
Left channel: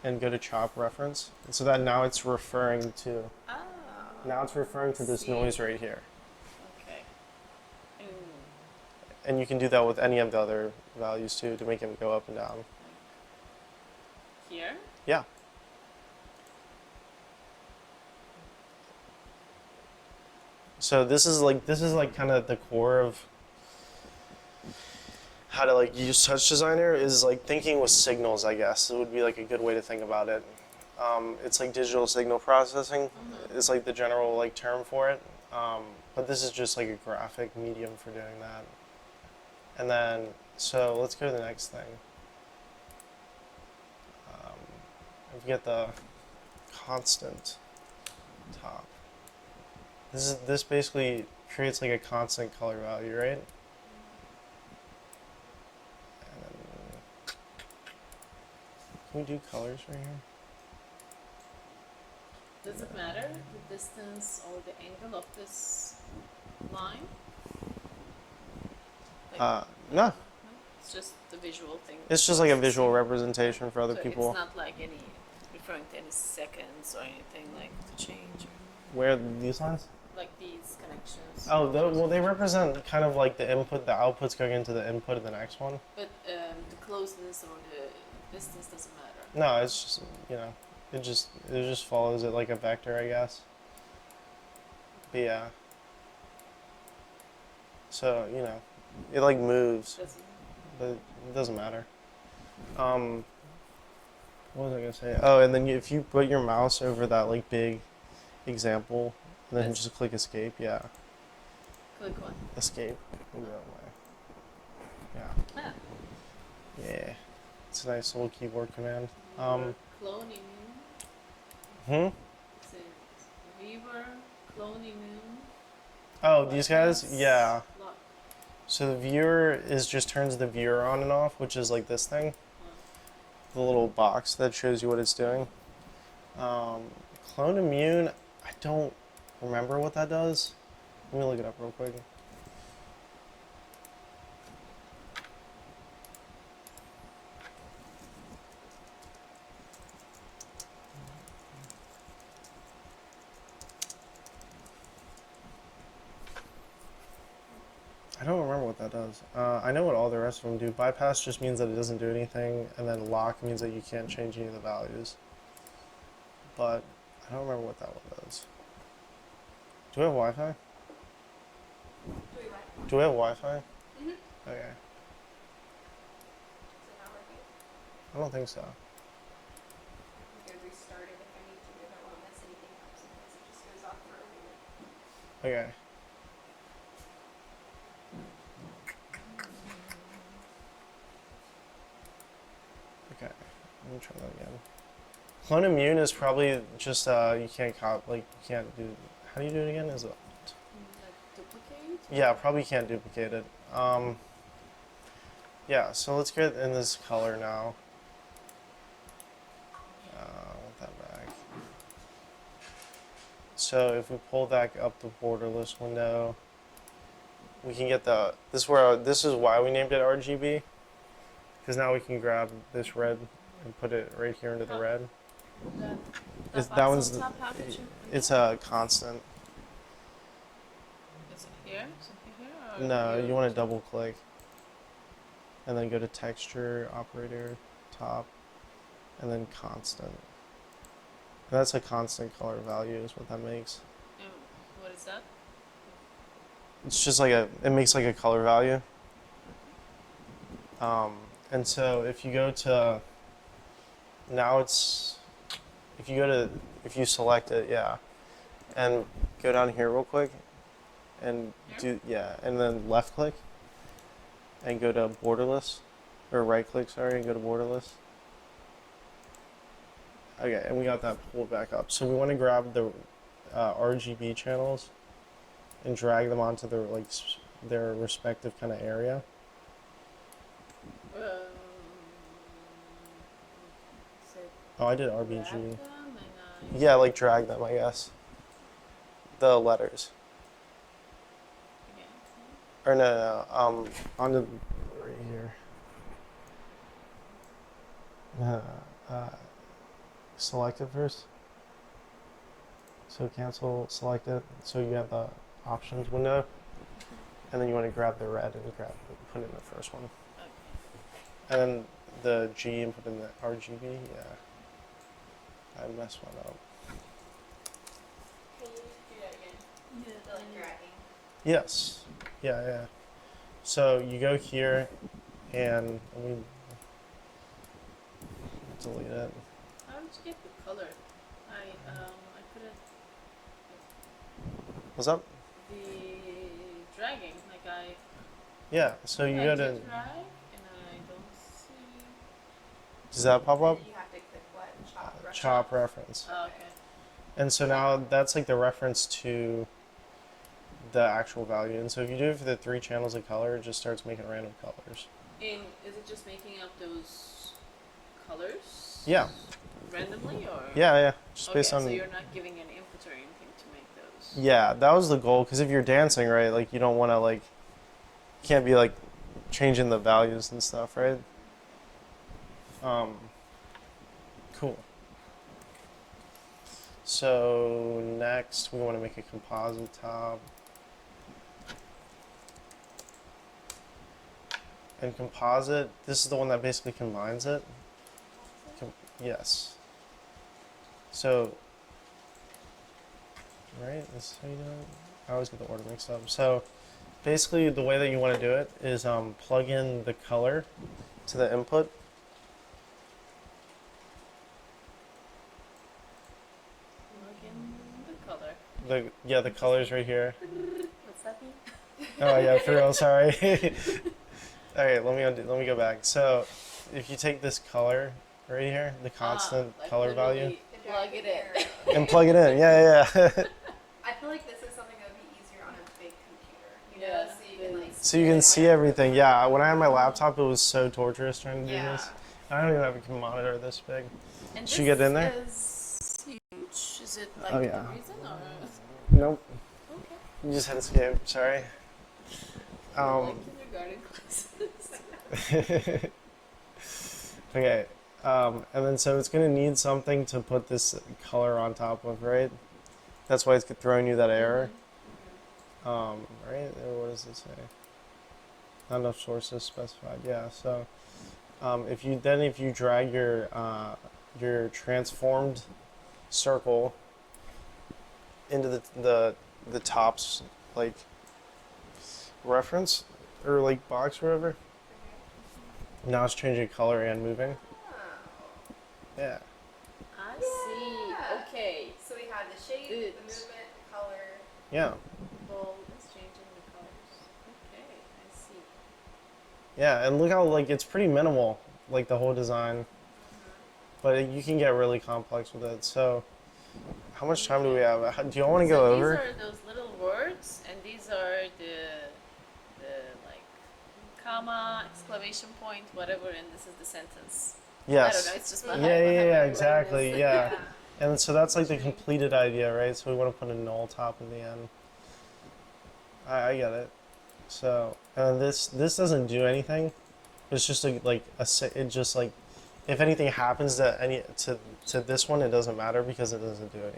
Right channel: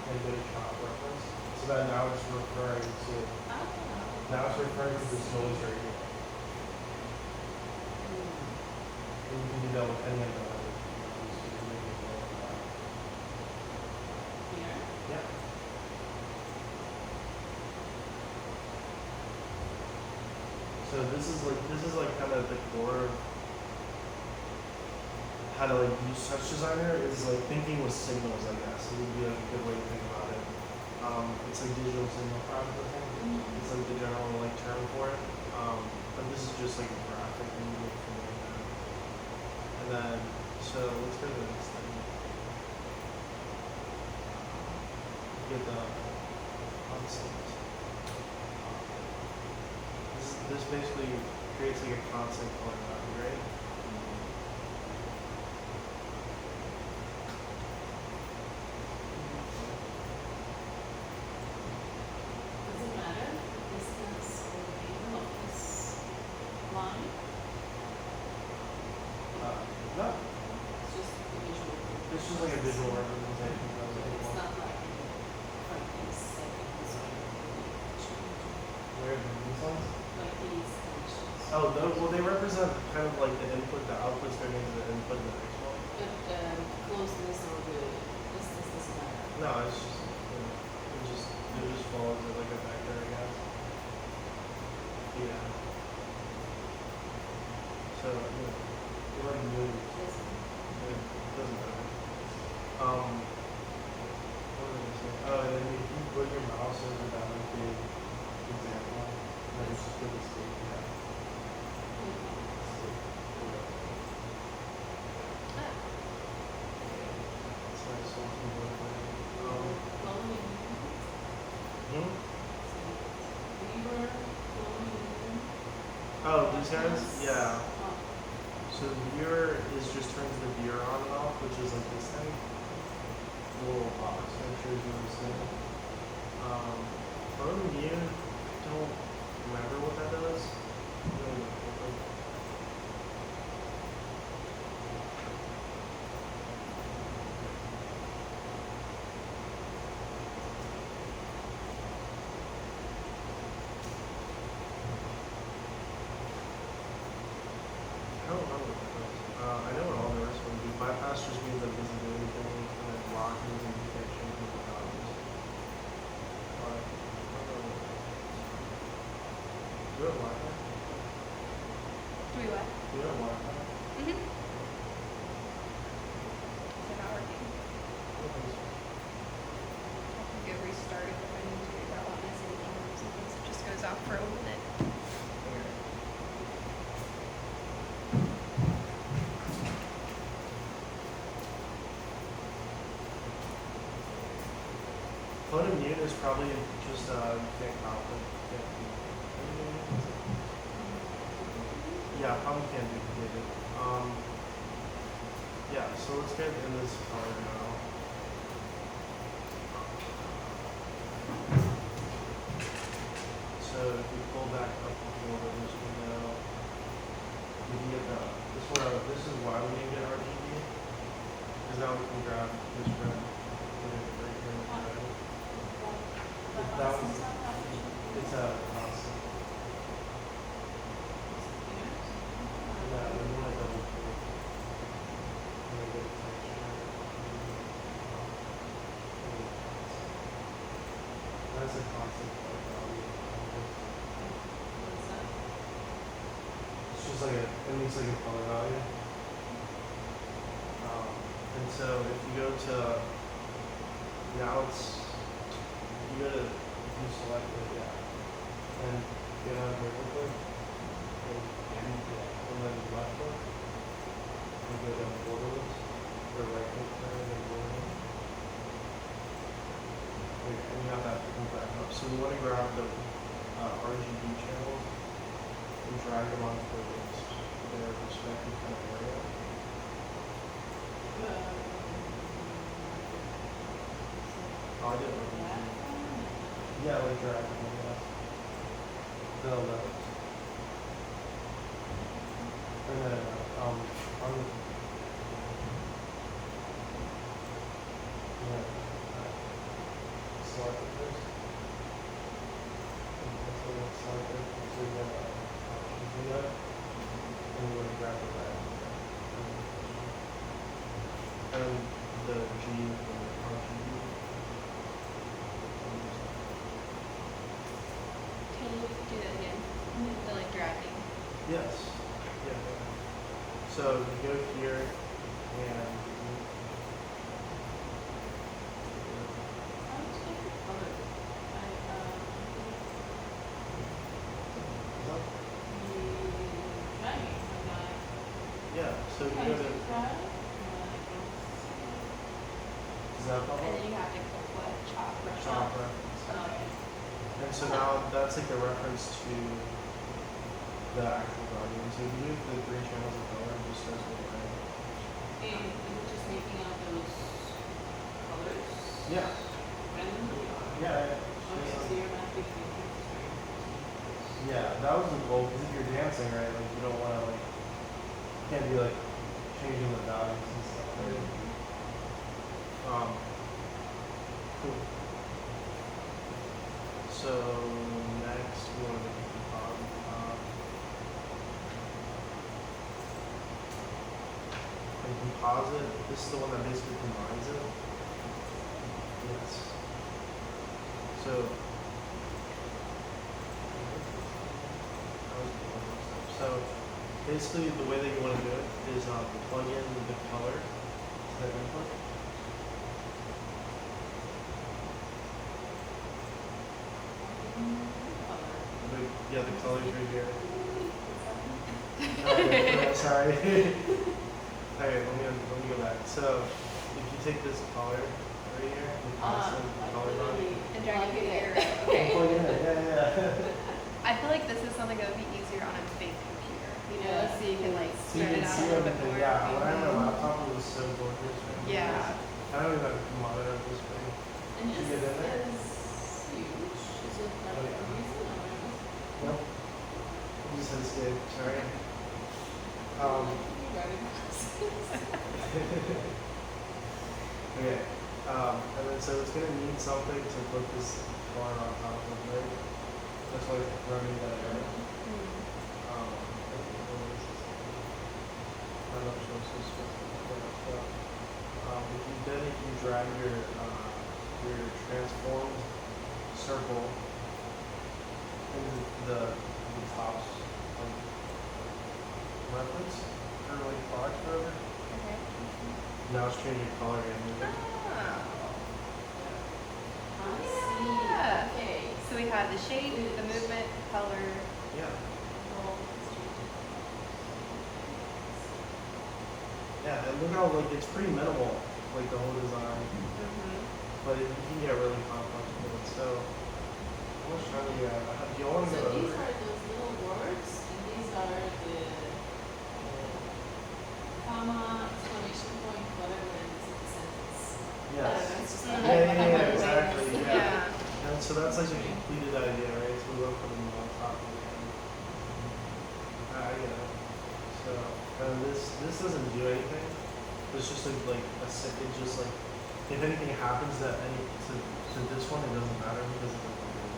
and go to chop reference. So that now it's referring to Oh. now it's referring to this noise right here. Okay. And you can do that with any of the other values too to make them go up and down. Here. Yeah. So this is like kind of the core of how to like use Touch Designer is like thinking with signals, I guess. It would be like a good way to think about it. It's like digital signal processing. It's like the general like term for it. But this is just like a graphic medium for doing that. And then, so let's go to the next thing. We get the constant top. This basically creates like a constant color value, right? Can we do colors now? Does it matter the distance or the angle of this line? No. It's just the visual thing. It's just like a visual representation for other So people. It's not like any different in seconds or anything like to change Where these ones? like these connections. Oh, well, they represent kind of like the input, the output's going into the input of the next one. But the closeness or the distance doesn't matter. No, it's just, you know, it just follows it like a vector, I guess. Yeah. So, you know, it like moves. It doesn't matter. What was I gonna say? Oh, and then if you put your mouse over that like big example, then That's- just click escape. Yeah, Good one. escape. Ah, Yeah, it's a nice little keyboard command. cloning. Hmm. Viewer, cloning. Oh, these guys? Yeah. Oh, So the viewer just turns the viewer on and off, which is like this thing, the little box that shows you what it's doing. Clone immune, I don't remember what that does. Let me look it up real quick. I don't remember what that does. I know what all the rest of them do. Bypass just means that it doesn't do anything, and then lock means that you can't change any of the values. But I don't remember what that one does. Do we have Wi-Fi? Do we what? Do we have Wi-Fi? Mm-hmm. Okay. Is it not working? I don't think so. I can go restart it if I need to. That won't miss anything. Sometimes it just goes off for a little bit. Okay. Clone immune is probably just you can't like you can't do. How do you do it again? Is it? Yeah, probably can't duplicate it. Yeah, so let's get in this color now. So if we pull back up the borderless window, we can get the, this is why we named it RGB, because now we can grab this red and put it right here into the red. That one's, it's a constant. No, you want to double click, and then go to texture, operator, top, and then constant. That's a constant color value is what that makes. What is that? It's just like it makes like a color value. And so if you go to, now it's, if you select it, yeah, and go down here real quick, and do, yeah, and then left click, and go to borderless, or right click, sorry, and go to borderless. Okay, and we got that pulled back up. So we want to grab the RGB channels and drag them onto their their respective kind of area. Oh, I did RGB. Yeah, like drag them, I guess. The letters. Or no, on the. Select it first. So cancel, select it. So you get the options window. And then you want to grab the red and grab the first one. And then the G for the RGB. And this one. Can you do that again? The like dragging. Yes. Yeah. So you go here and delete it. What's up? The dragging, like Yeah, so you I go to, drag, does that pop up? And then you have to click what? Chop reference. okay. And so now that's like the reference to the actual value. And so if you do it for the 3 channels of color, it just starts making random colors. And is it just making out those colors? Yeah. Randomly or? Yeah. Just based Okay, on, so you're not giving an inventory to those. yeah, that was the goal. Because if you're dancing, right, like you don't want to like, you can't be like changing the values and stuff, right? Cool. So next we want to make a composite top. And composite, this is the one that basically combines it. Yes. So, I was looking this up. So basically the way that you want to do it is plug in the color to the input. The colors right here. Oh yeah, for real, sorry. Okay, let me go back. So if you take this color right here, the constant color value, And drag it in. and plug it in. Yeah. I feel like this is something that would be easier on a big computer, you know, Yeah. so you can like. So you can see everything. Yeah, when I had my laptop, it was so torturous trying to do Yeah. this. I don't even have a monitor this big. And Should we get in there? Is huge. Is it like Oh, a yeah. reason No. You just had to skip. Sorry. Okay. And then so it's gonna need something to put this color on top of, right? That's why it's throwing you that error. Right? Or what is this? Not enough sources specified. Yeah. So if you drag your transformed circle into the top's like reference or like box or whatever. Okay. Now it's changing color and moving. Oh. Yeah. I see. Yeah. Okay. So we have the shape, the movement, color. Yeah. Yeah, and look how like it's pretty minimal, like the whole design, but you can get really complex with it. So, how much time do we have? Do you want to go over? These are those little words, and these are the like, comma, exclamation point, whatever, and this is the sentence. I Yes. don't know, it's just Yeah, my yeah, head. yeah, exactly. Yeah. Yeah. And so that's like the completed idea, right? So we want to put a null top in the end. I get it. So, and this doesn't do anything. It's just it just like, if anything happens to this one, it doesn't matter because it doesn't do it.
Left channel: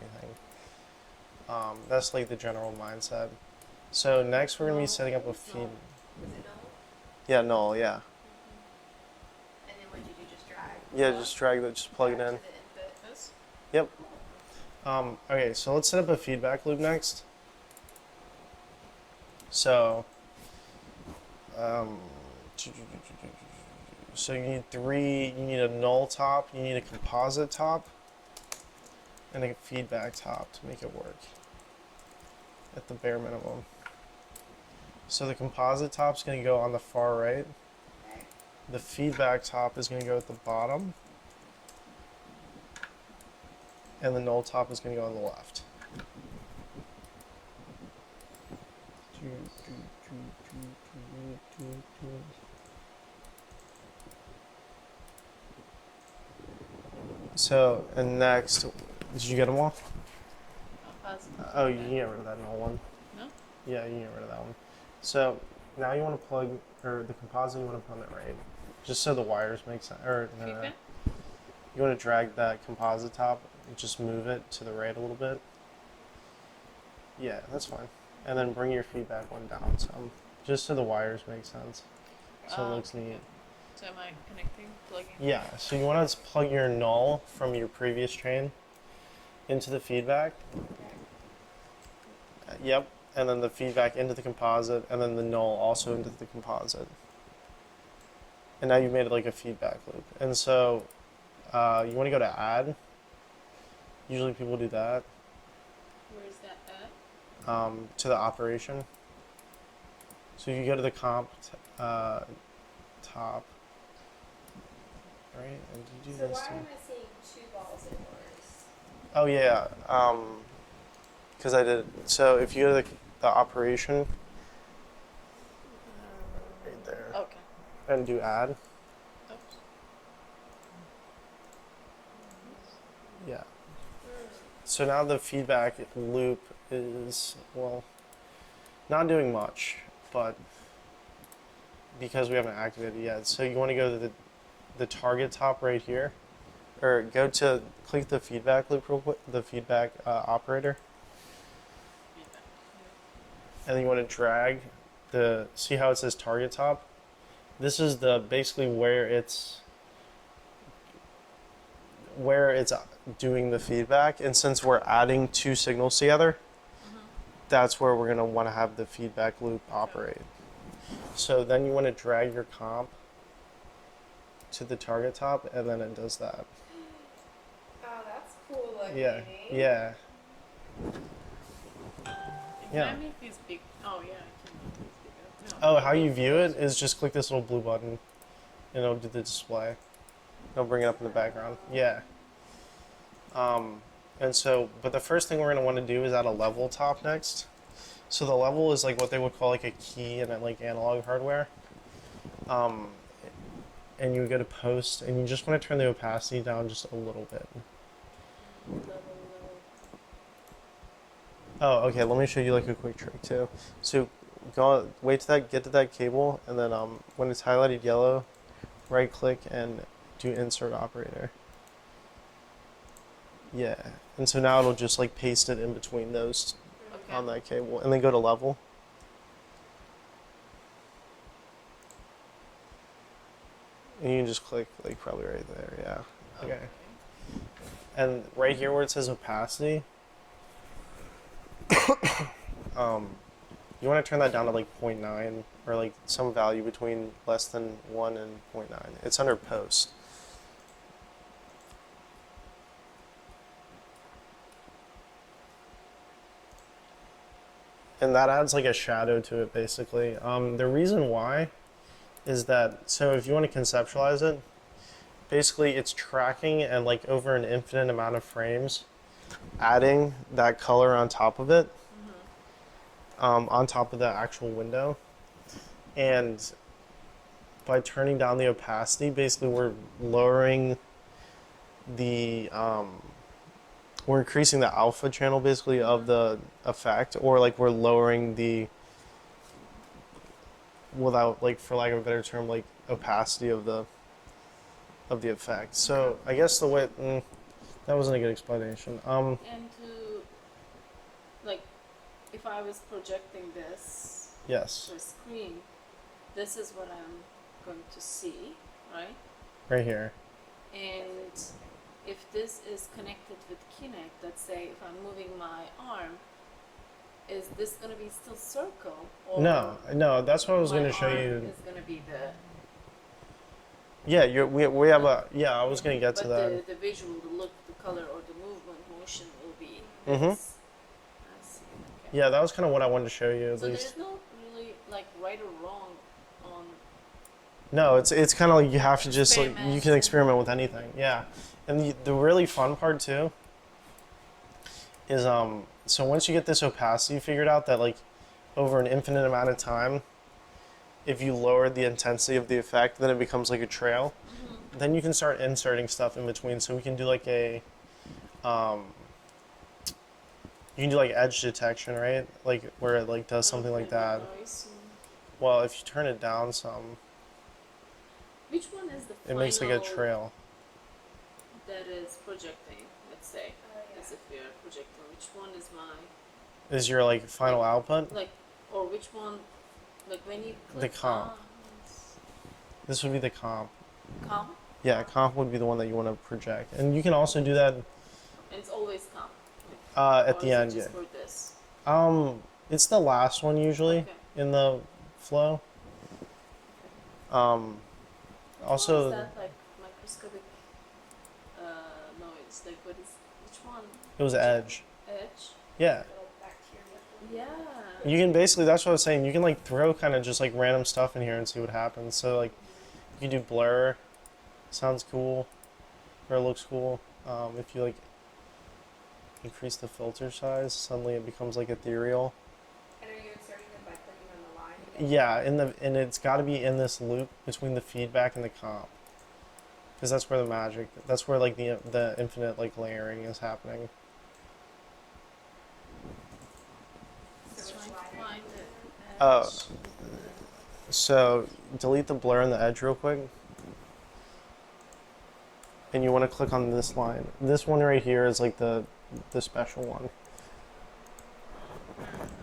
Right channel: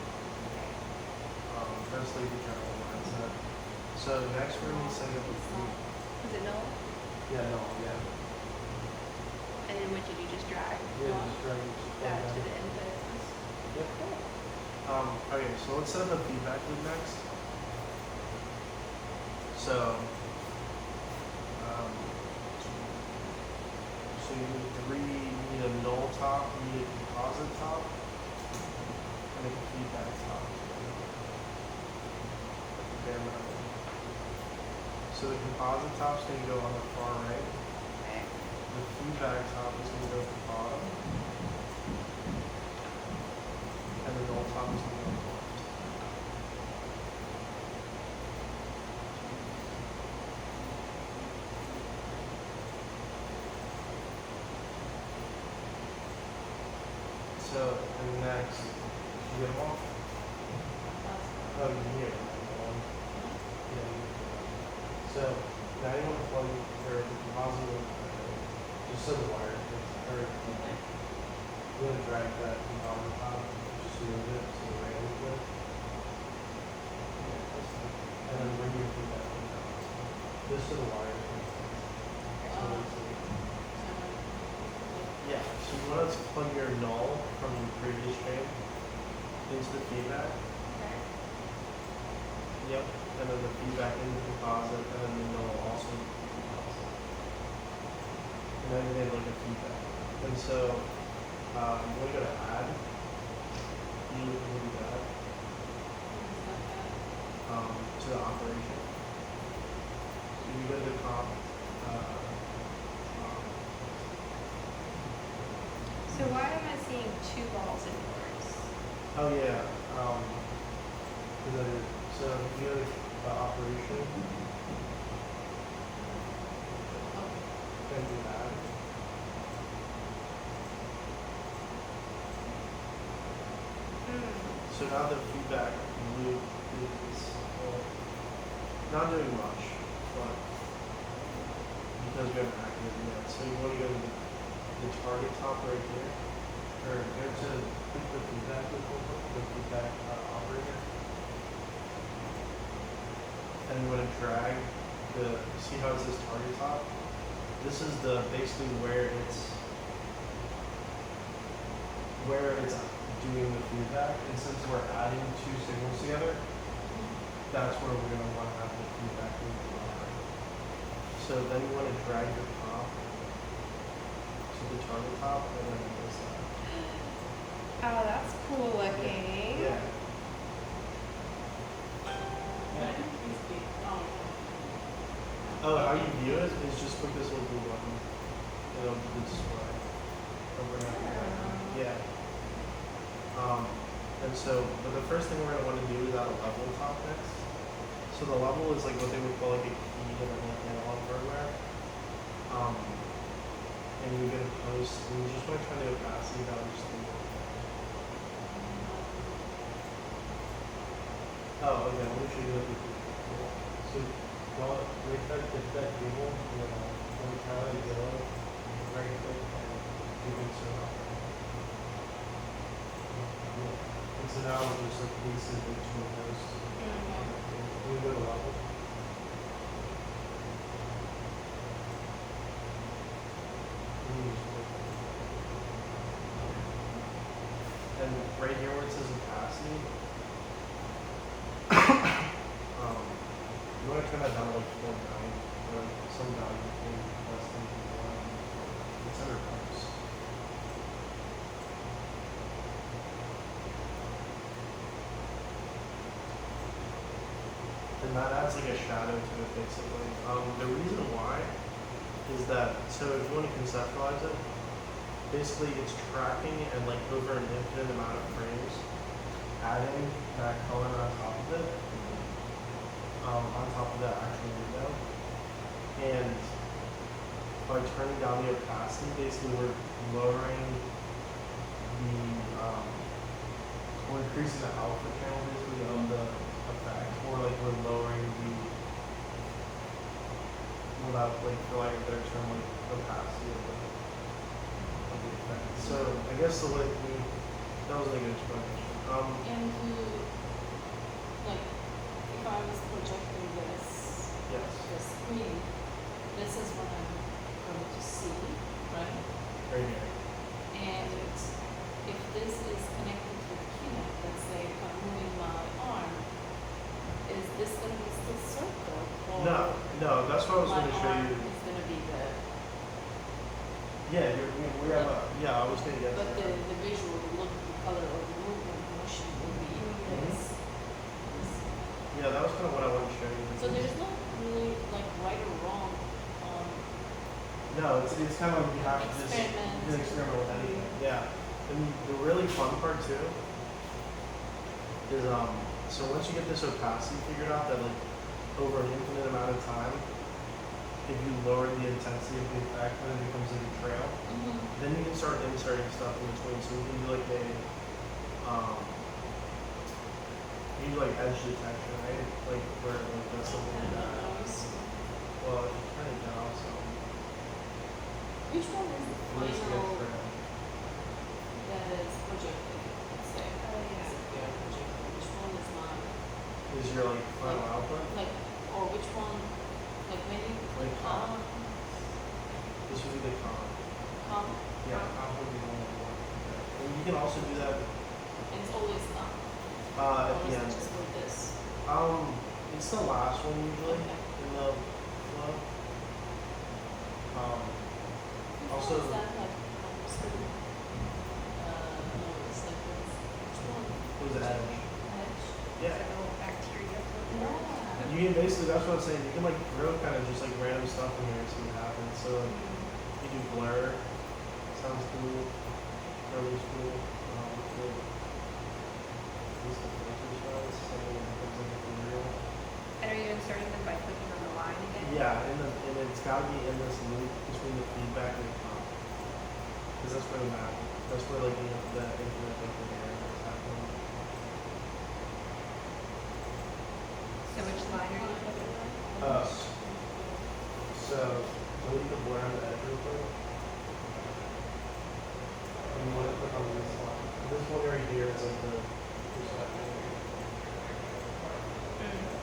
That's like the general mindset. So next we're gonna be setting up a feed. Is it null? Yeah, null. Yeah. And then what did you just drag? Yeah, just drag it, just plug it Back in. to the input. Yep. Okay, so let's set up a feedback loop next. So, so you need you need a null top, you need a composite top, and a feedback top to make it work at the bare minimum. So the composite top's going to go on the far right. Okay. The feedback top is going to go at the bottom. And the null top is going to go on the left. So, and next, did you get them all? Oh, you can get rid of that one. Yeah, you can get rid of that one. So, now you want to plug the composite in on the right, just so the wires make sense. Or, you want to drag that composite top, just move it to the right a little bit. Yeah, that's fine. And then bring your feedback on down, so just so the wires make sense. So it looks neat. So am I like, Yeah, so you want to plug your null from your previous chain into the feedback. Yep, and then the feedback into the composite, and then the null also into the composite. And now you've made it like a feedback loop. And so you want to go to add. Usually people do that. To the operation. So you go to the comp top. So why am I seeing two balls in yours? Oh yeah, because I did. So if you go to the operation okay. and do add. Yeah. So now the feedback loop is, well, not doing much, but because we haven't activated it yet. So you want to go to the target top right here, or go to, click the feedback loop real quick, the feedback operator. And then you want to drag see how it says target top? This is basically where it's doing the feedback. And since we're adding two signals together, that's where we're going to want to have the feedback loop operate. So then you want to drag your comp to the target top, and then it does that. Oh, that's cool looking. Yeah. Yeah. Yeah. Oh, how you view it is just click this little blue button, and it'll do the display. It'll bring it up in the background. Yeah. And so, but the first thing we're going to want to do is add a level top next. So the level is like what they would call like a key and then like analog hardware. And you go to post, and you just want to turn the opacity down just a little bit. Oh, okay. Let me show you like a quick trick too. So get to that cable, and then when it's highlighted yellow, right click and do insert operator. Yeah. And so now it'll just like paste it in between those on that cable, and then go to level. And you can just click like probably right there. Yeah. Okay. And right here where it says opacity, you want to turn that down to like 0.9 or like some value between less than 1 and 0.9. It's under post. and that adds like a shadow to it basically. The reason why is that, so if you want to conceptualize it, basically it's tracking at like over an infinite amount of frames, adding that color on top of it, on top of the actual window. And by turning down the opacity, basically we're lowering the, we're increasing the alpha channel basically of the effect, or like we're lowering the, without like, for lack of a better term, like opacity of the effect. So I guess the way, that wasn't a good explanation. And to, like, if I was projecting this, Yes, the screen, this is what I'm going to see, right? right here. And if this is connected with Kinect, let's say if I'm moving my arm, is this going to be still circle? Or No, that's what I was my going to show arm you. is going to be the, Yeah, we have a, yeah, I was going to get to but that. the visual look, the color of the movement, motion will be Mhm. this. Yeah, that was kind of what I wanted to show you. So there's no really like right or wrong. No, it's kind of like you have to just like, you Experiment. can experiment with anything. Yeah, and the really fun part too is so once you get this opacity figured out, that like over an infinite amount of time, if you lower the intensity of the effect, then it becomes like a trail. Then you can start inserting stuff in between. So we can do like a you can do like edge detection, right? Like where it like does something like that. Well, if you turn it down some, Which one is the it makes like a final trail. that is projecting? Let's say. Is it here projecting? Which one is mine? Is your like final output? Like, or which one? Like when you The put comp. This would be the comp. comp, Yeah, comp would be the one that you want to project. And you can also do that and it's always comp. at Or the is it end. just for this? It's the last one usually Okay. in the flow. Which one Also, is that? Like, I'm just gonna, oh, it's like this. Which one? it was edge. Edge? Yeah. Oh, bacteria. Yeah. You can basically, that's what I was saying, you can like throw kind of just like random stuff in here and see what happens. So like, you do blur, sounds cool, or looks cool. If you like increase the filter size, suddenly it becomes like ethereal. And are you inserting them by clicking on the line again? Yeah, and it's got to be in this loop between the feedback and the comp, because that's where the magic, that's where like the infinite like layering is happening. So which line are you clicking Oh, so delete the blur and the edge real quick, and you want to click on this line. This one right here is like the special one,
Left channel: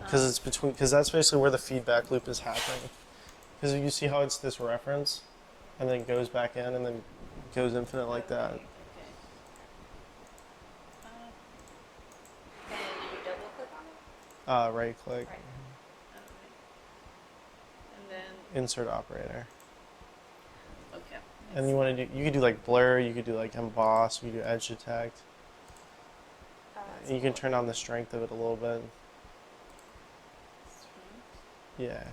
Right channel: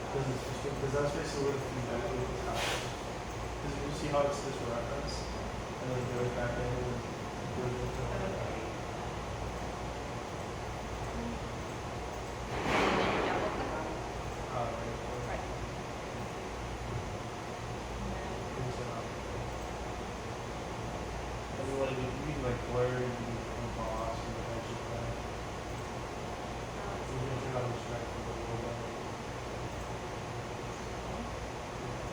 because it's between, because that's basically where the feedback loop is happening. Because you see how it's this reference, and then goes back in, and then goes infinite like that. Double click on it. Right click, Right. insert operator. And you want to do, you could do like blur, you could do like emboss, you could do edge detect. You can turn on the strength of it a little bit. Yeah.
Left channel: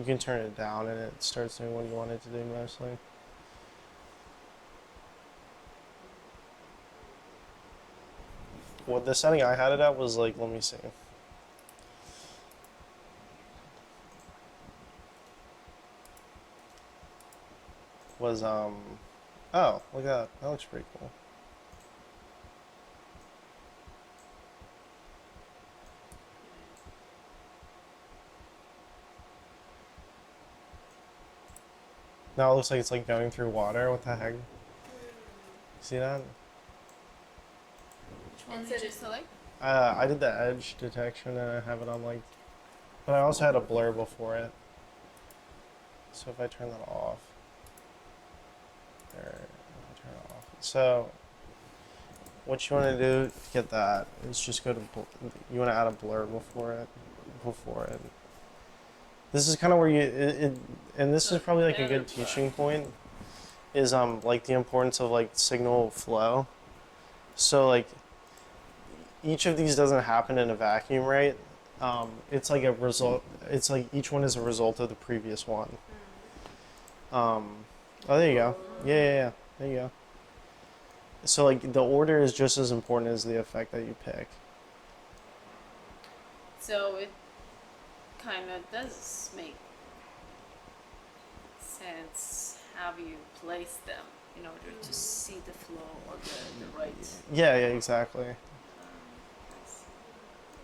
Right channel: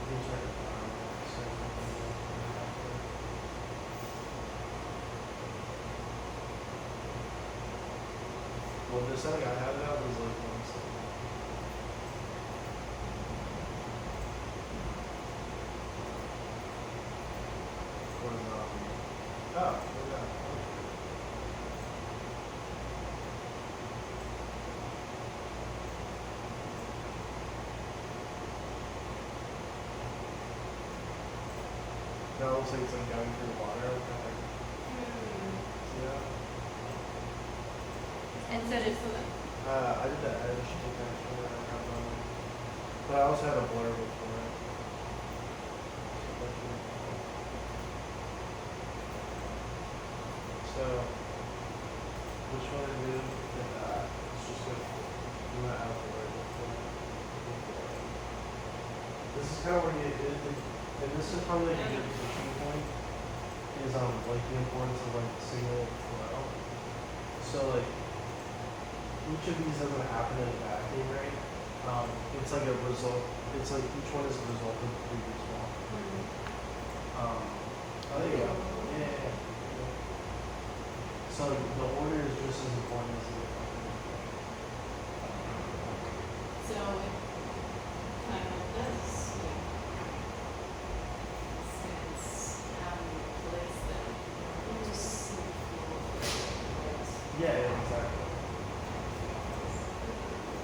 You can turn it down and it starts doing what you want it to do mostly. Well, the setting I had it at was like, let me see. Was, oh, look at that. That looks pretty cool. Now it looks like it's like going through water. What the heck? See that? And so just select. I did the edge detection and I have it on like, but I also had a blur before it. So if I turn it off. So what you want to do to get that is just go to, you want to add a blur before it. This is kind of where you, and this is probably like a good teaching point, is like the importance of like signal flow. So like each of these doesn't happen in a vacuum, right? It's like a result. It's like each one is a result of the previous one. Oh, there you go. Yeah. There you go. So like the order is just as important as the effect that you pick. So it kind of does make sense how you place them in order to see the flow of the right. Yeah, exactly.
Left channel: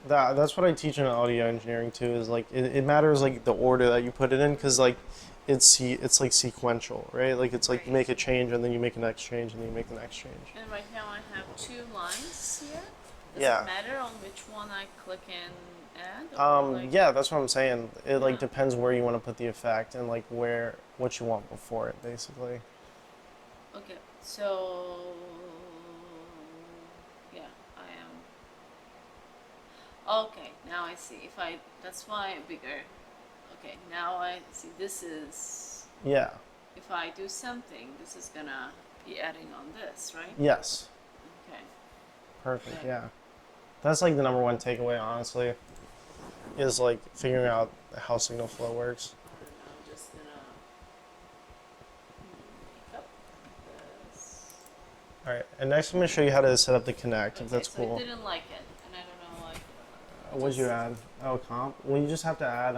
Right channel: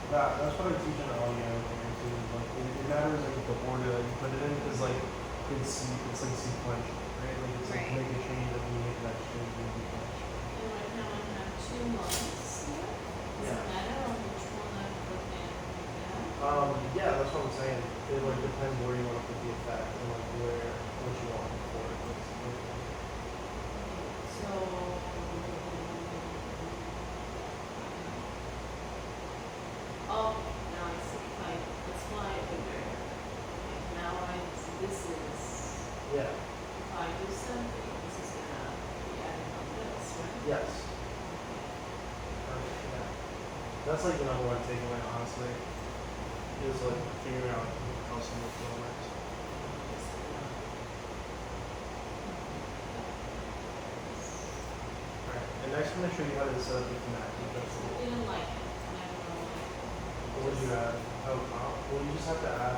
That's what I teach in audio engineering too. Is like it matters like the order that you put it in because like it's like sequential, right? Like it's like make a change and then you make the next change and then you make the next change. And right now I have 2 lines here. Does Yeah. it matter on which one I click and add? Like- Yeah, that's what I'm saying. It like depends where you want to put the effect and like what you want for it basically. Okay, so okay, now I see. If I that's why bigger. Okay, now this is Yeah. if I do something, this is gonna be adding on this, right? Yes. Okay. Perfect. Yeah. That's like the number one takeaway, honestly, is like figuring out how signal flow works. Just All right. And next, I'm gonna show you how to set up the Kinect. If that's so cool. I didn't like it. And I don't like it. What'd you add? Oh, comp. Well, you just have to add.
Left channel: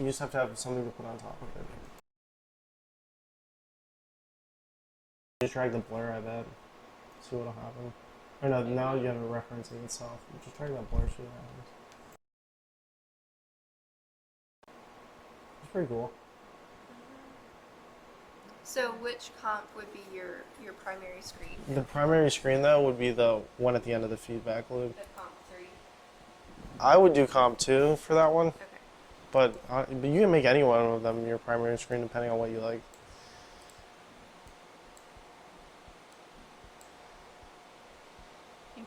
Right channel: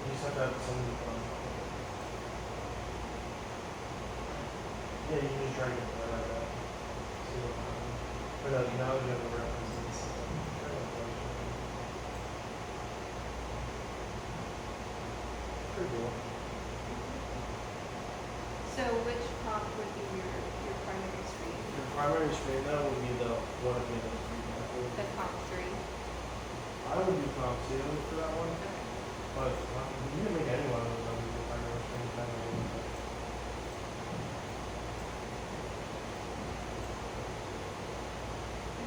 You just have to have something to put on top of it. Yeah, you can just try to blur out that. See what'll happen. Or no, now you have a reference and it's not. Try that motion. Pretty cool. So which comp would be your primary screen? The primary screen though would be the one at the end of the feedback loop. The comp 3? I would do comp 2 for that one, Okay. but you can make any one of them your primary screen depending on what you like.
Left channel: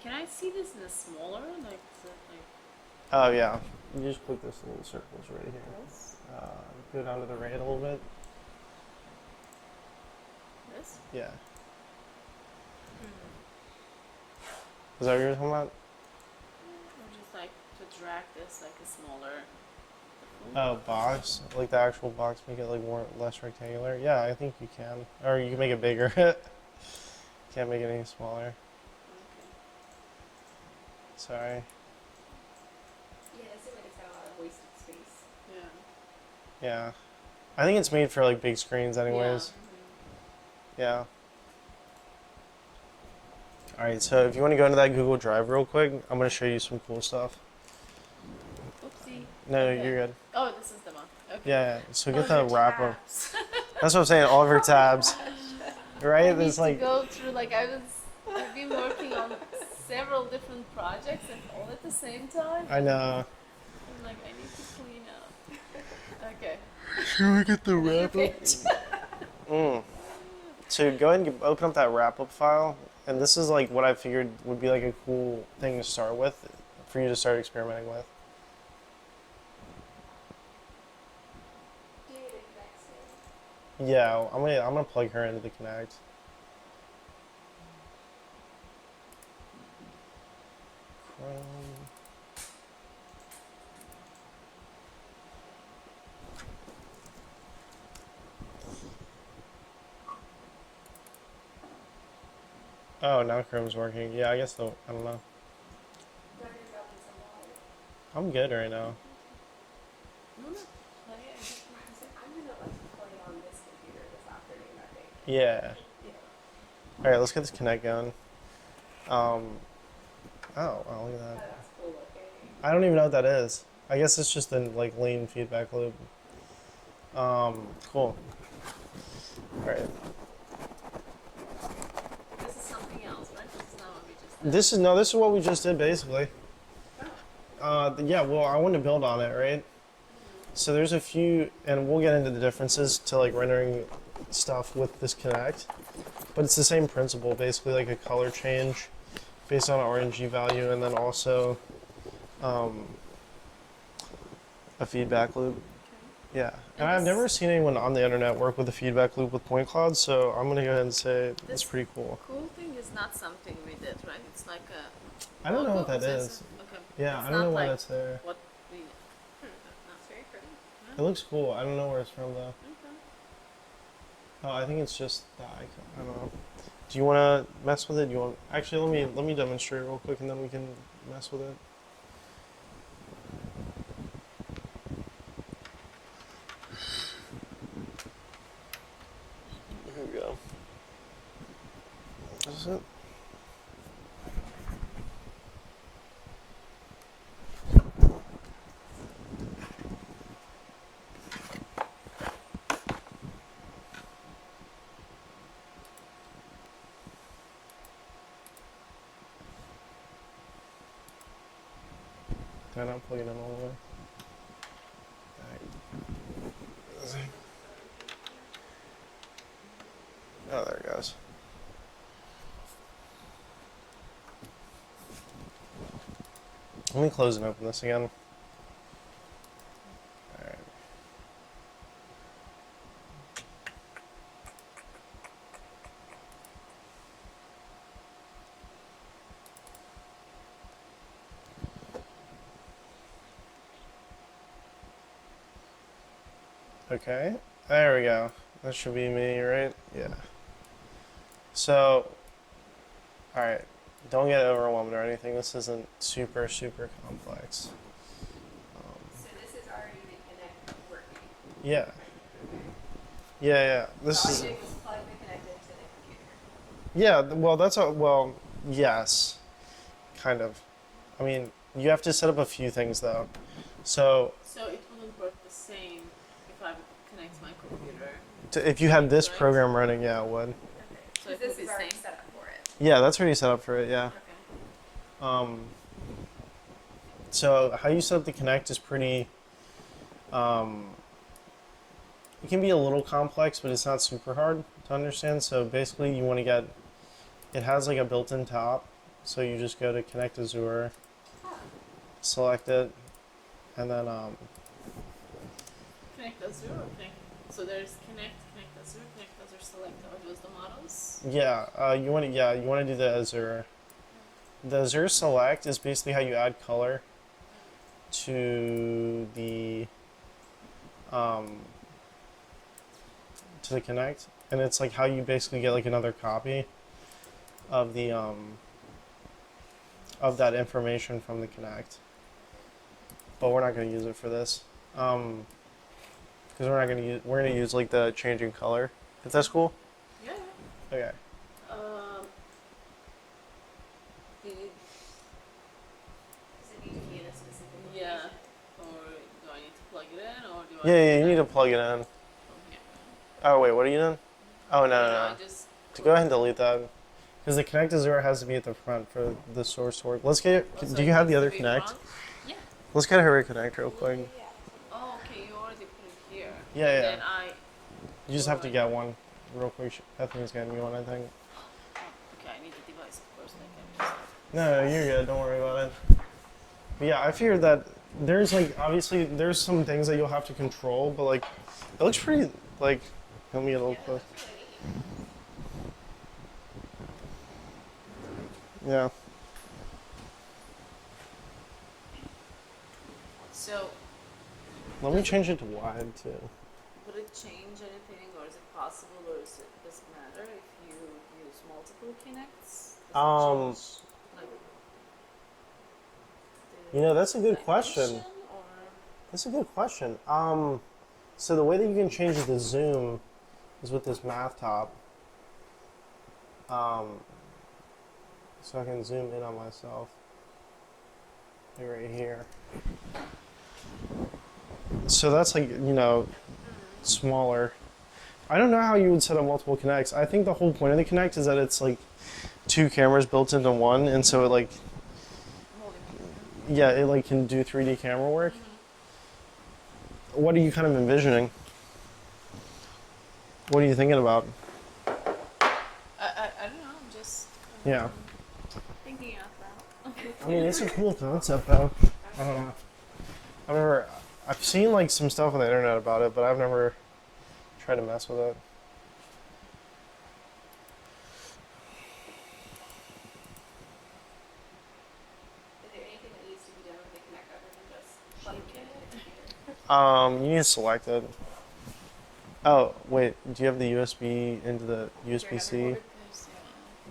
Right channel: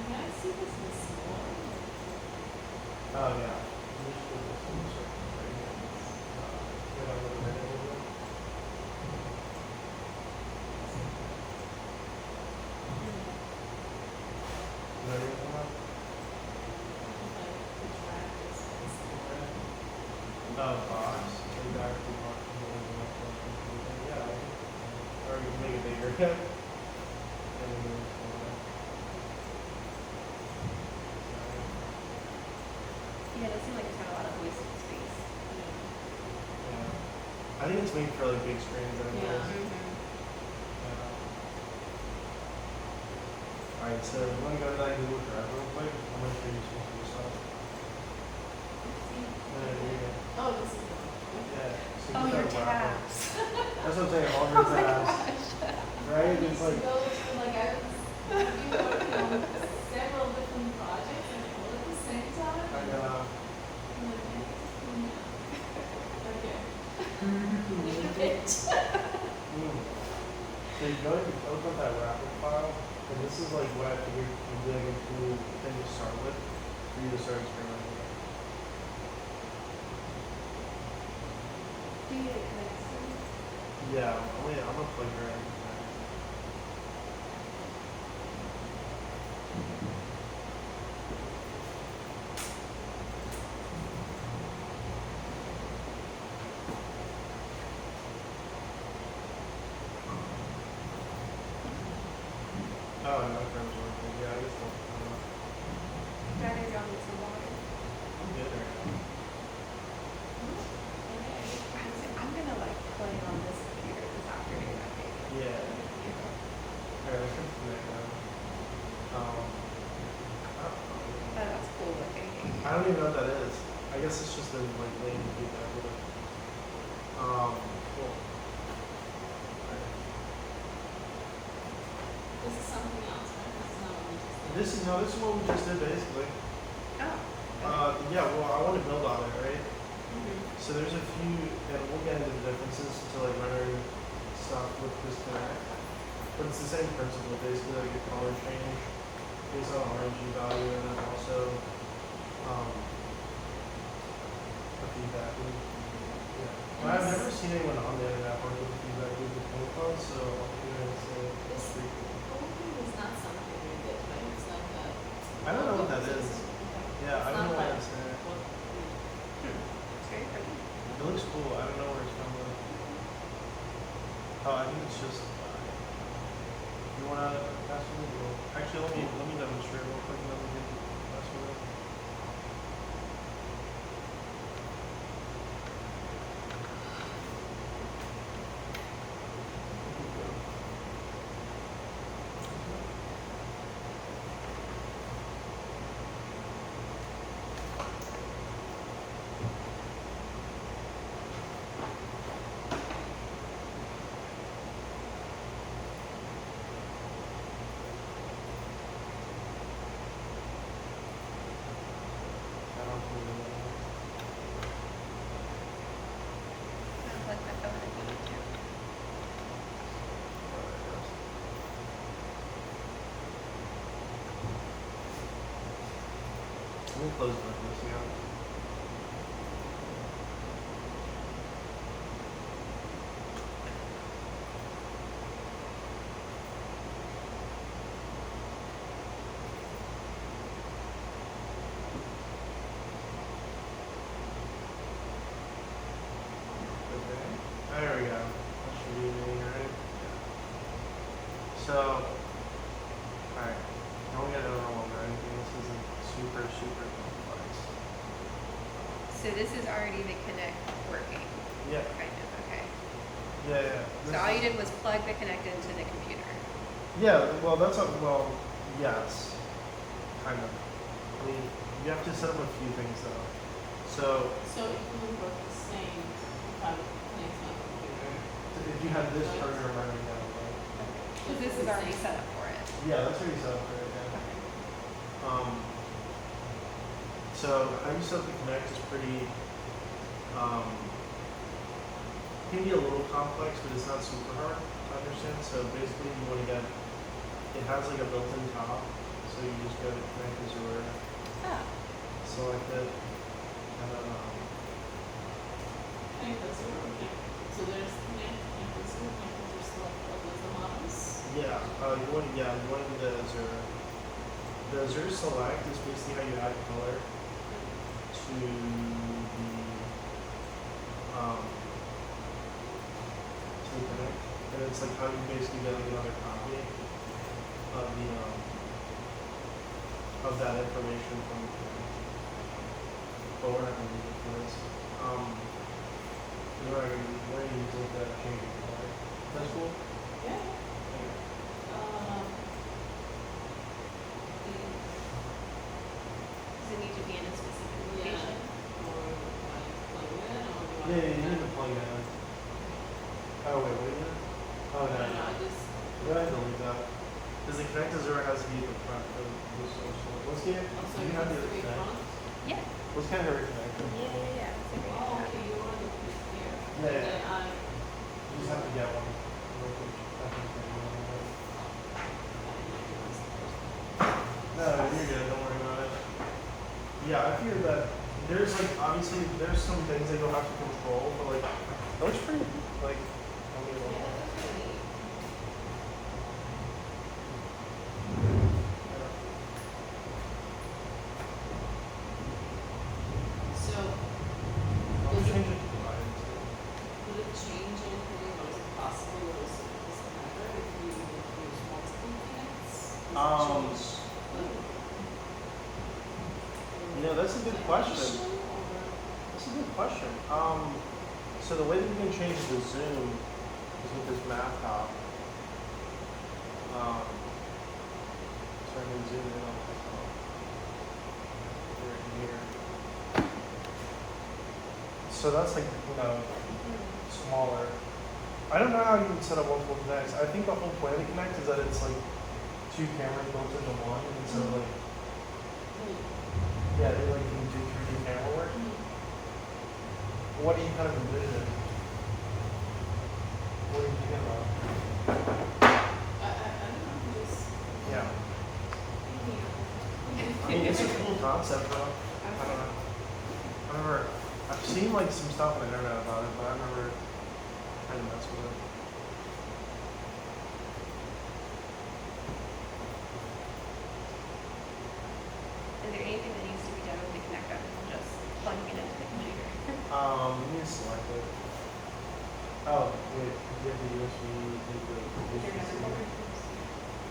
Can I see this in smaller? Like, Oh yeah. You just put this in the circles right here. Go down to the right a little bit. Yeah. Is that what you're talking about? if I could drag this and it's smaller. Oh, box? Like the actual box, make it like one less rectangular? Yeah, I think we can. Or you can make it bigger. Can't make it any smaller. Sorry. Yeah, it does seem like it's got a lot of wasted space. Yeah. I think it's made for like big screens anyways. Yeah. Alright, so if you want to go into that Google Drive real quick, I'm going to show you some cool stuff. Oopsie. No, Okay. you're good. Oh, this is the one. Okay. Yeah, so get Oh, the your wrap up. tabs. That's what I'm saying, all of your tabs. Right? I It's need to like, go through like I've been working on several different projects and all at the same time. I know. I'm like, yeah, okay. Should we get the So go ahead and open up that wrap up file. And this is like what I figured would be like a cool thing to start with for you to start experimenting with. Do you need a Kinect? Yeah, I'm gonna plug her into the Kinect. Oh, now Chrome's working. Yeah, I guess they'll. I don't know. Do I need to go get some water? I'm good right now. I'm gonna like play on this computer this afternoon, I think. Yeah. All right, let's get this Kinect going. Oh, That's cool looking. I don't even know what that is. I guess it's just a like lean feedback loop. Cool. All right. This is something else, right? This is not what we just This is what we just did basically. Oh. Yeah. Well, I want to build on it, right? Mm-hmm. So there's a few, and we'll get into the differences to like rendering stuff with this Kinect. But it's the same principle, basically like a color change based on RNG value, and then also a feedback loop. Yeah. And I've never seen anyone on the internet work with a feedback loop with point clouds, so I'm gonna go ahead and say it's pretty cool. Cool thing is not something we did, right? It's like a. I don't know what that is. Okay. Yeah, It's I don't not know why like that's there. what we. It's very pretty. It looks cool. I don't know where it's from though. Oh, I think it's just black. I don't know. Do you want to mess with it? Do you want? Actually, let me demonstrate real quick, and then we can mess with it. Here we go. Is this it? I don't play them all. So like my phone, I think, too. Oh, there it goes. Let me close and open this again. Okay, there we go. That should be me, right? Yeah. So, alright, don't get overwhelmed or anything. This isn't super, super complex. So this is already the Kinect working, Yeah, kind of, okay. yeah. This So all is, you did was plug the Kinect into the computer. yeah, well, that's a, well, yes, kind of. I mean, you have to set up a few things though. So, So it would work the same if I would connect my computer. if you had this Right. program running, yeah, it would. So It's this the is already same. set up for it. Yeah, that's already set up for it, yeah. Okay. So how you set up the Kinect is pretty, it can be a little complex, but it's not super hard to understand. So basically you want to get, it has like a built-in top. So you just go to Kinect Azure, Ah, select it, and then, Connect Azure. Connect. So there's Connect Azure, select what was the models. you want to do the Azure. The Azure select is basically how you add color to the Kinect, and it's like how you basically get like another copy of the of that information from the Kinect. But we're not going to use it for this because we're going to use like the changing color. If that's cool. Yeah. Okay. does it need to be in a specific Yeah. location? Or do I need to plug it in, or do I? Yeah, you need to plug it in. Okay. Oh wait, what are you doing? Oh no. I just. Go ahead and delete that. Because the Kinect Azure has to be at the front for the source to work. Let's get. Also, Do you have the it other needs to be Kinect? front. Yeah. Let's get her Kinect real quick. Oh, okay, you already put it here. Yeah, yeah. Then I. You just have to get one real quick. I think it's gonna be one. I think. I need to do this first. No, you're good. Don't worry about it. But yeah, I figured that there's like obviously there's some things that you'll have to control, but like it looks pretty like. Let me look. Yeah. So, Let me change it to wide too. would it change anything, or is it possible, or does it matter if you use multiple Kinects? Does it change, You know, that's a good question. or- That's a good question. So the way that you can change the zoom is with this math top. So I can zoom in on myself. Right here. So that's like, smaller. I don't know how you would set up multiple Kinects. I think the whole point of the Kinect is that it's like two cameras built into one, and so it like, yeah, it like can do 3D camera work. What are you kind of envisioning? What are you thinking about? I don't know, just. Yeah. Thinking out I mean, it's a cool concept, though. I don't know. I've seen like some stuff on the internet about it, but I've never tried to mess with it. Is there anything that needs to be done You need to select it. Oh, wait, do you have the USB into the USB-C?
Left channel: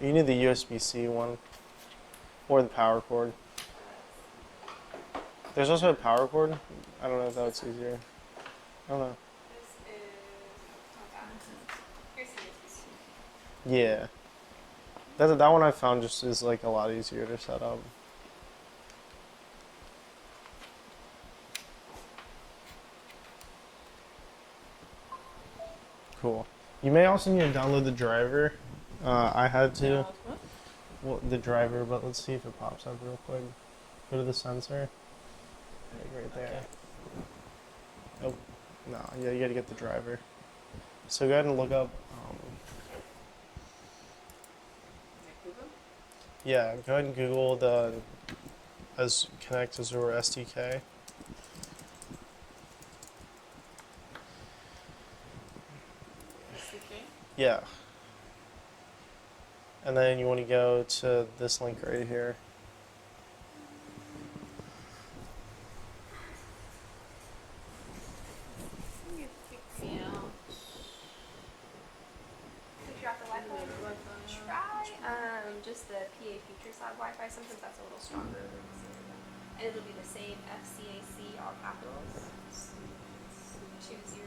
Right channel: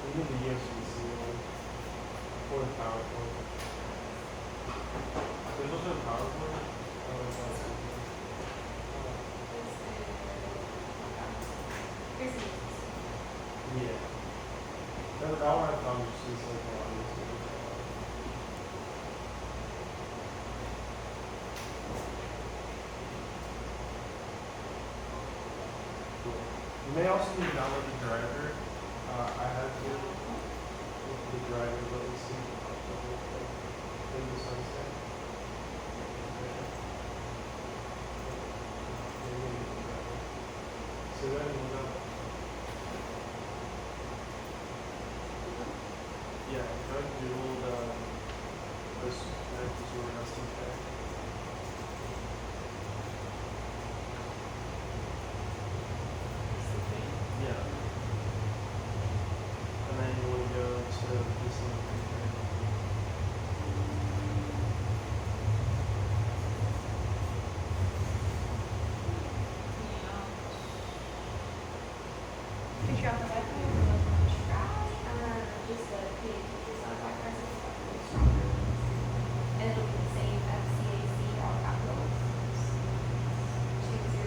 You need the USB-C one. Or the power cord. There's also a power cord. I don't know if that's easier. I don't know. Yeah. That one I found just is like a lot easier to set up. Cool. You may also need to download the driver. I had to. Well, the driver, but let's see if it pops up real quick. Go to the sensor. Oh, no, you gotta get the driver. So go ahead and look up. Yeah, go ahead and Google the Kinect Azure SDK. Yeah. And then you want to go to this link right here. If you're off the Wi-Fi, just the pictures on Wi-Fi, so that's a little stronger. And it'll be the same FCAC, all capitals. 2022.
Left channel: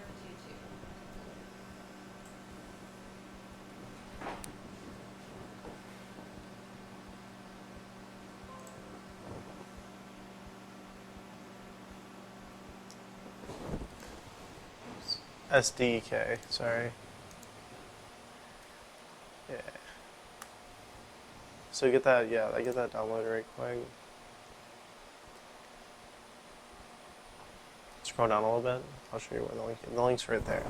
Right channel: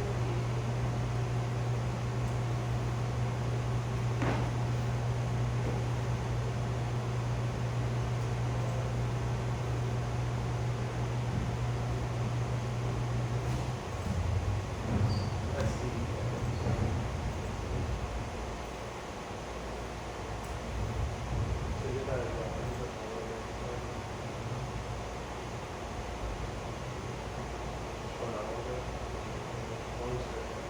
SDK, sorry. So get that, yeah, I get that download right quick. Scroll down a little bit. I'll show you one link. The link's right there.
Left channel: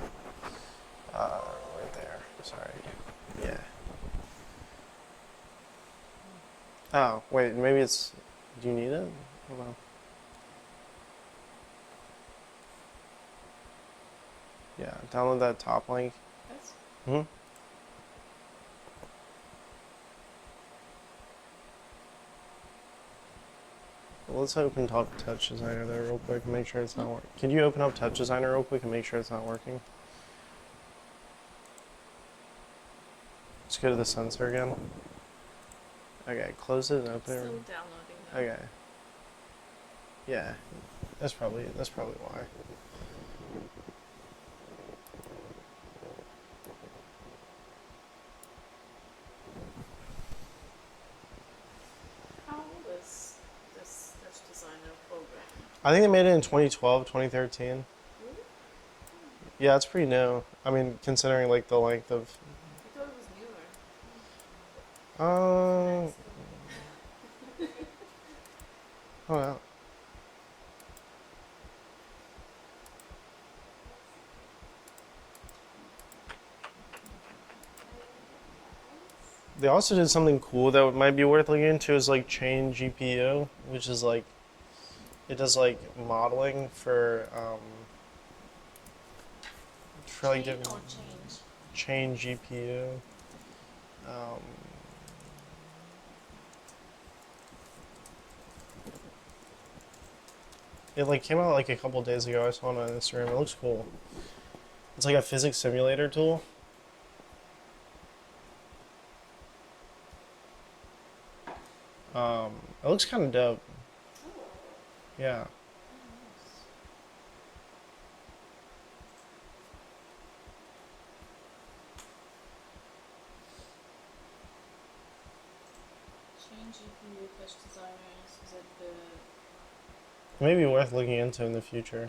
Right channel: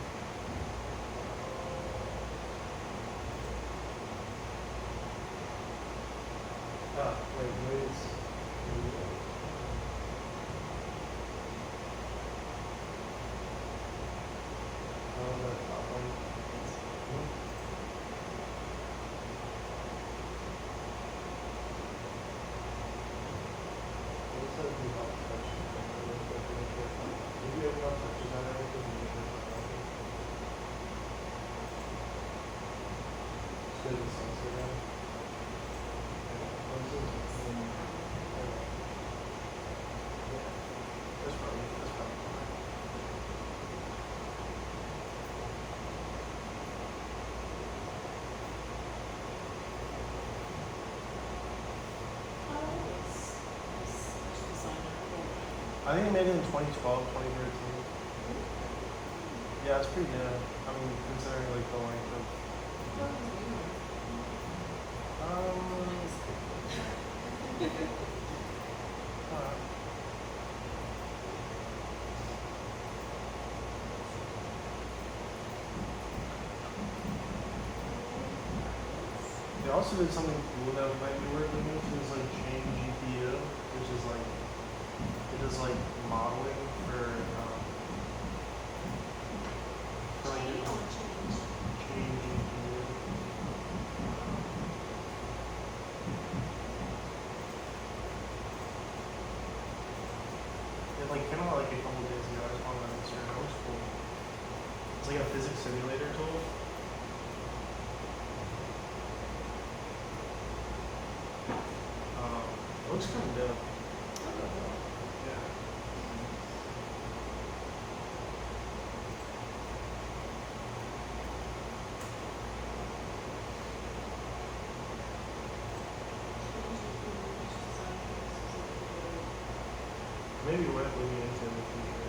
Right there. Sorry. Yeah. Oh, wait, maybe it's. Do you need it? Yeah, download that top link. Hmm? Well, let's open up Touch Designer there real quick and make sure it's not working. Can you open up Touch Designer real quick and make sure it's not working? Just go to the sensor again. Okay, close it, open. Okay. Yeah, that's probably why. I think they made it in 2012, 2013. Yeah, it's pretty new. I mean, considering like the length of. Oh, yeah. They also did something cool that might be worth looking into is like chain GPU, which is like, it does like modeling for like different chain GPU. It like came out like a couple days ago. I saw it on Instagram. It looks cool. It's like a physics simulator tool. It looks kind of dope. Yeah. Maybe worth looking into in the future.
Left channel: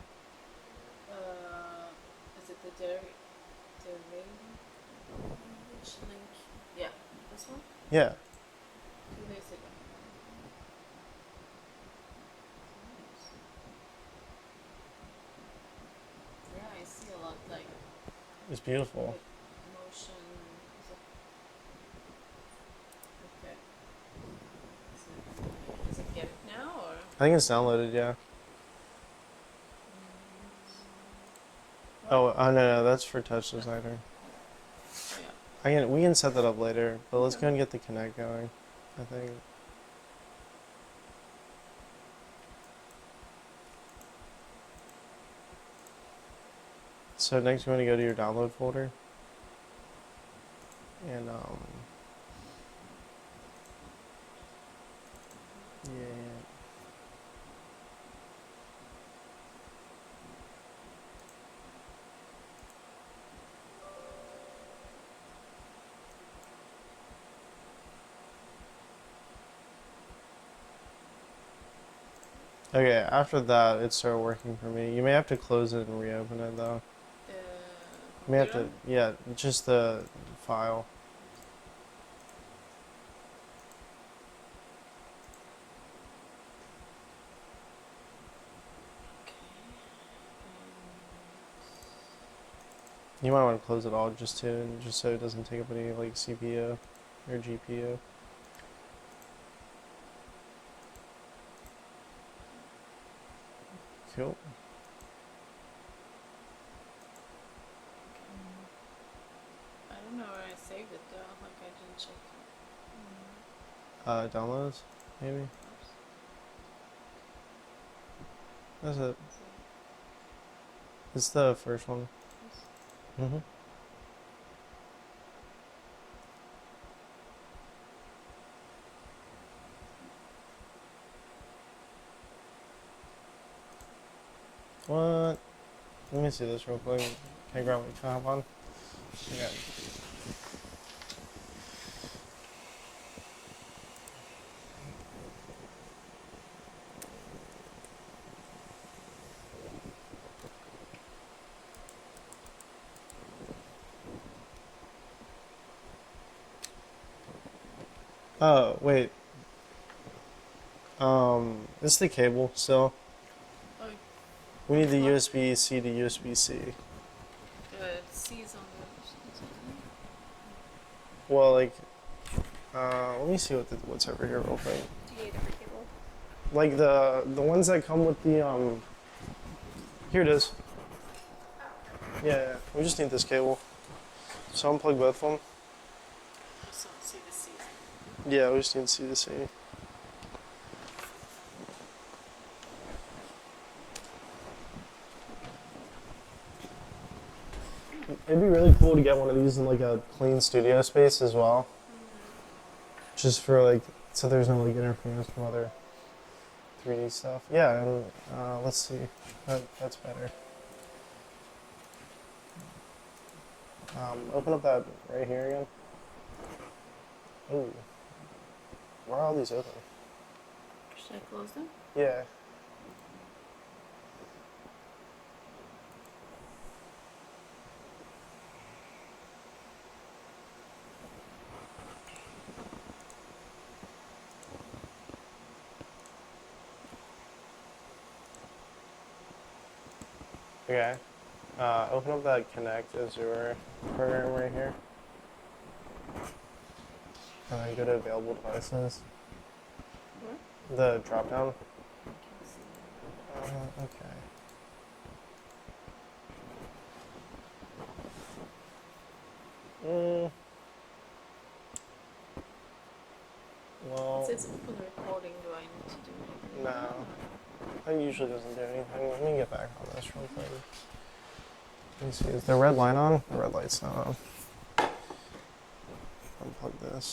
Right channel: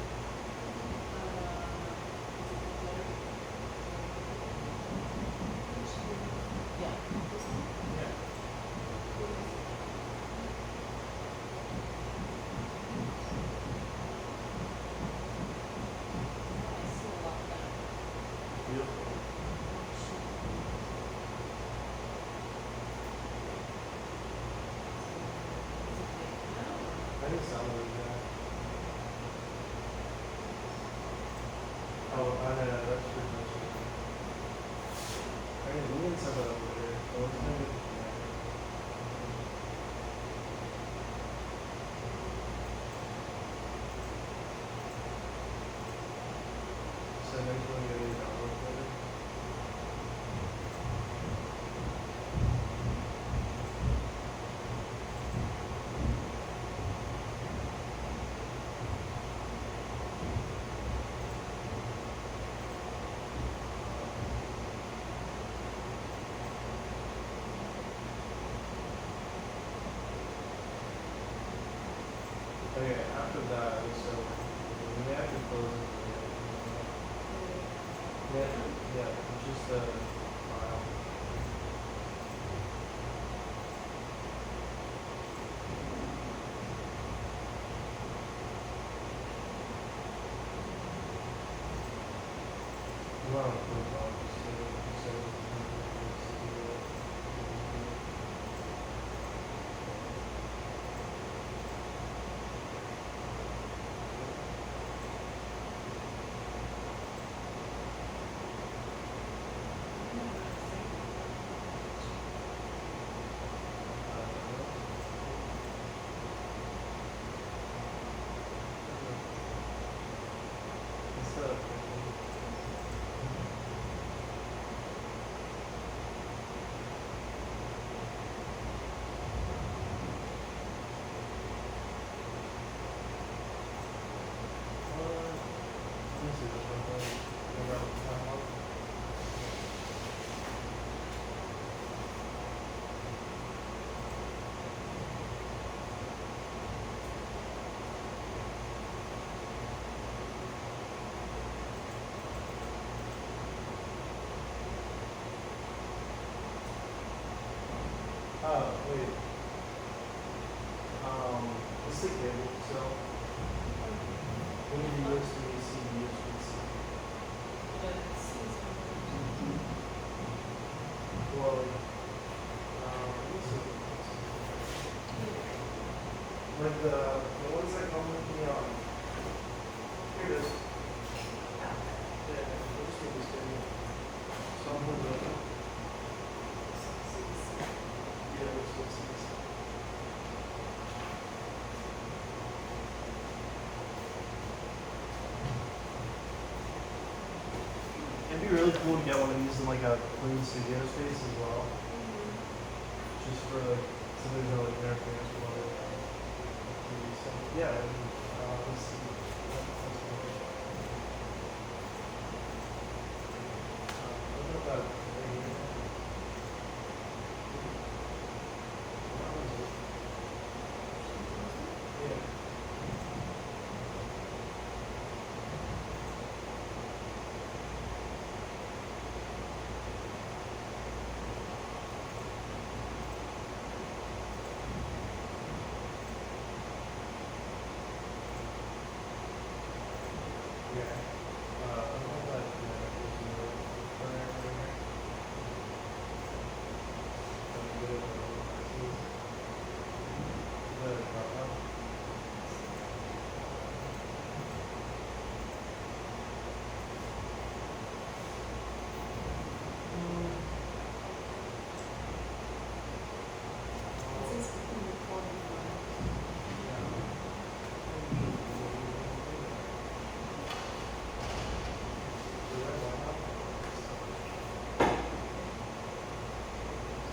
Yeah. It's beautiful. I think it's downloaded, yeah. Oh, no, that's for Touch Designer. We can set that up later, but let's go and get the Kinect going. I think. So next you want to go to your download folder. And, okay, after that, it started working for me. You may have to close it and reopen it though. You may have to, yeah, just the file. You might want to close it all just so it doesn't take up any like CPU or GPU. Cool. Downloads, maybe? That's it. It's the first one. What? Let me see this real quick. Can I grab that one? Yeah. Oh, wait. This is the cable still. We need the USB-C to USB-C. Well, like, let me see what's over here real quick. Like the ones that come with the, here it is. Yeah, we just need this cable. So unplug both of them. Yeah, we just need C to C. It'd be really cool to get one of these in like a clean studio space as well. Just for like, so there's no like interference from other 3D stuff. Yeah, and let's see. That's better. Open up that right here again. Ooh. Where are all these open? Yeah. Okay. Open up that Kinect Azure program right here. And then go to available devices. The drop down. Well, no. That usually doesn't do anything. Let me get back to this real quick. Let's see, is the red light on? The red light's not on. Unplug this.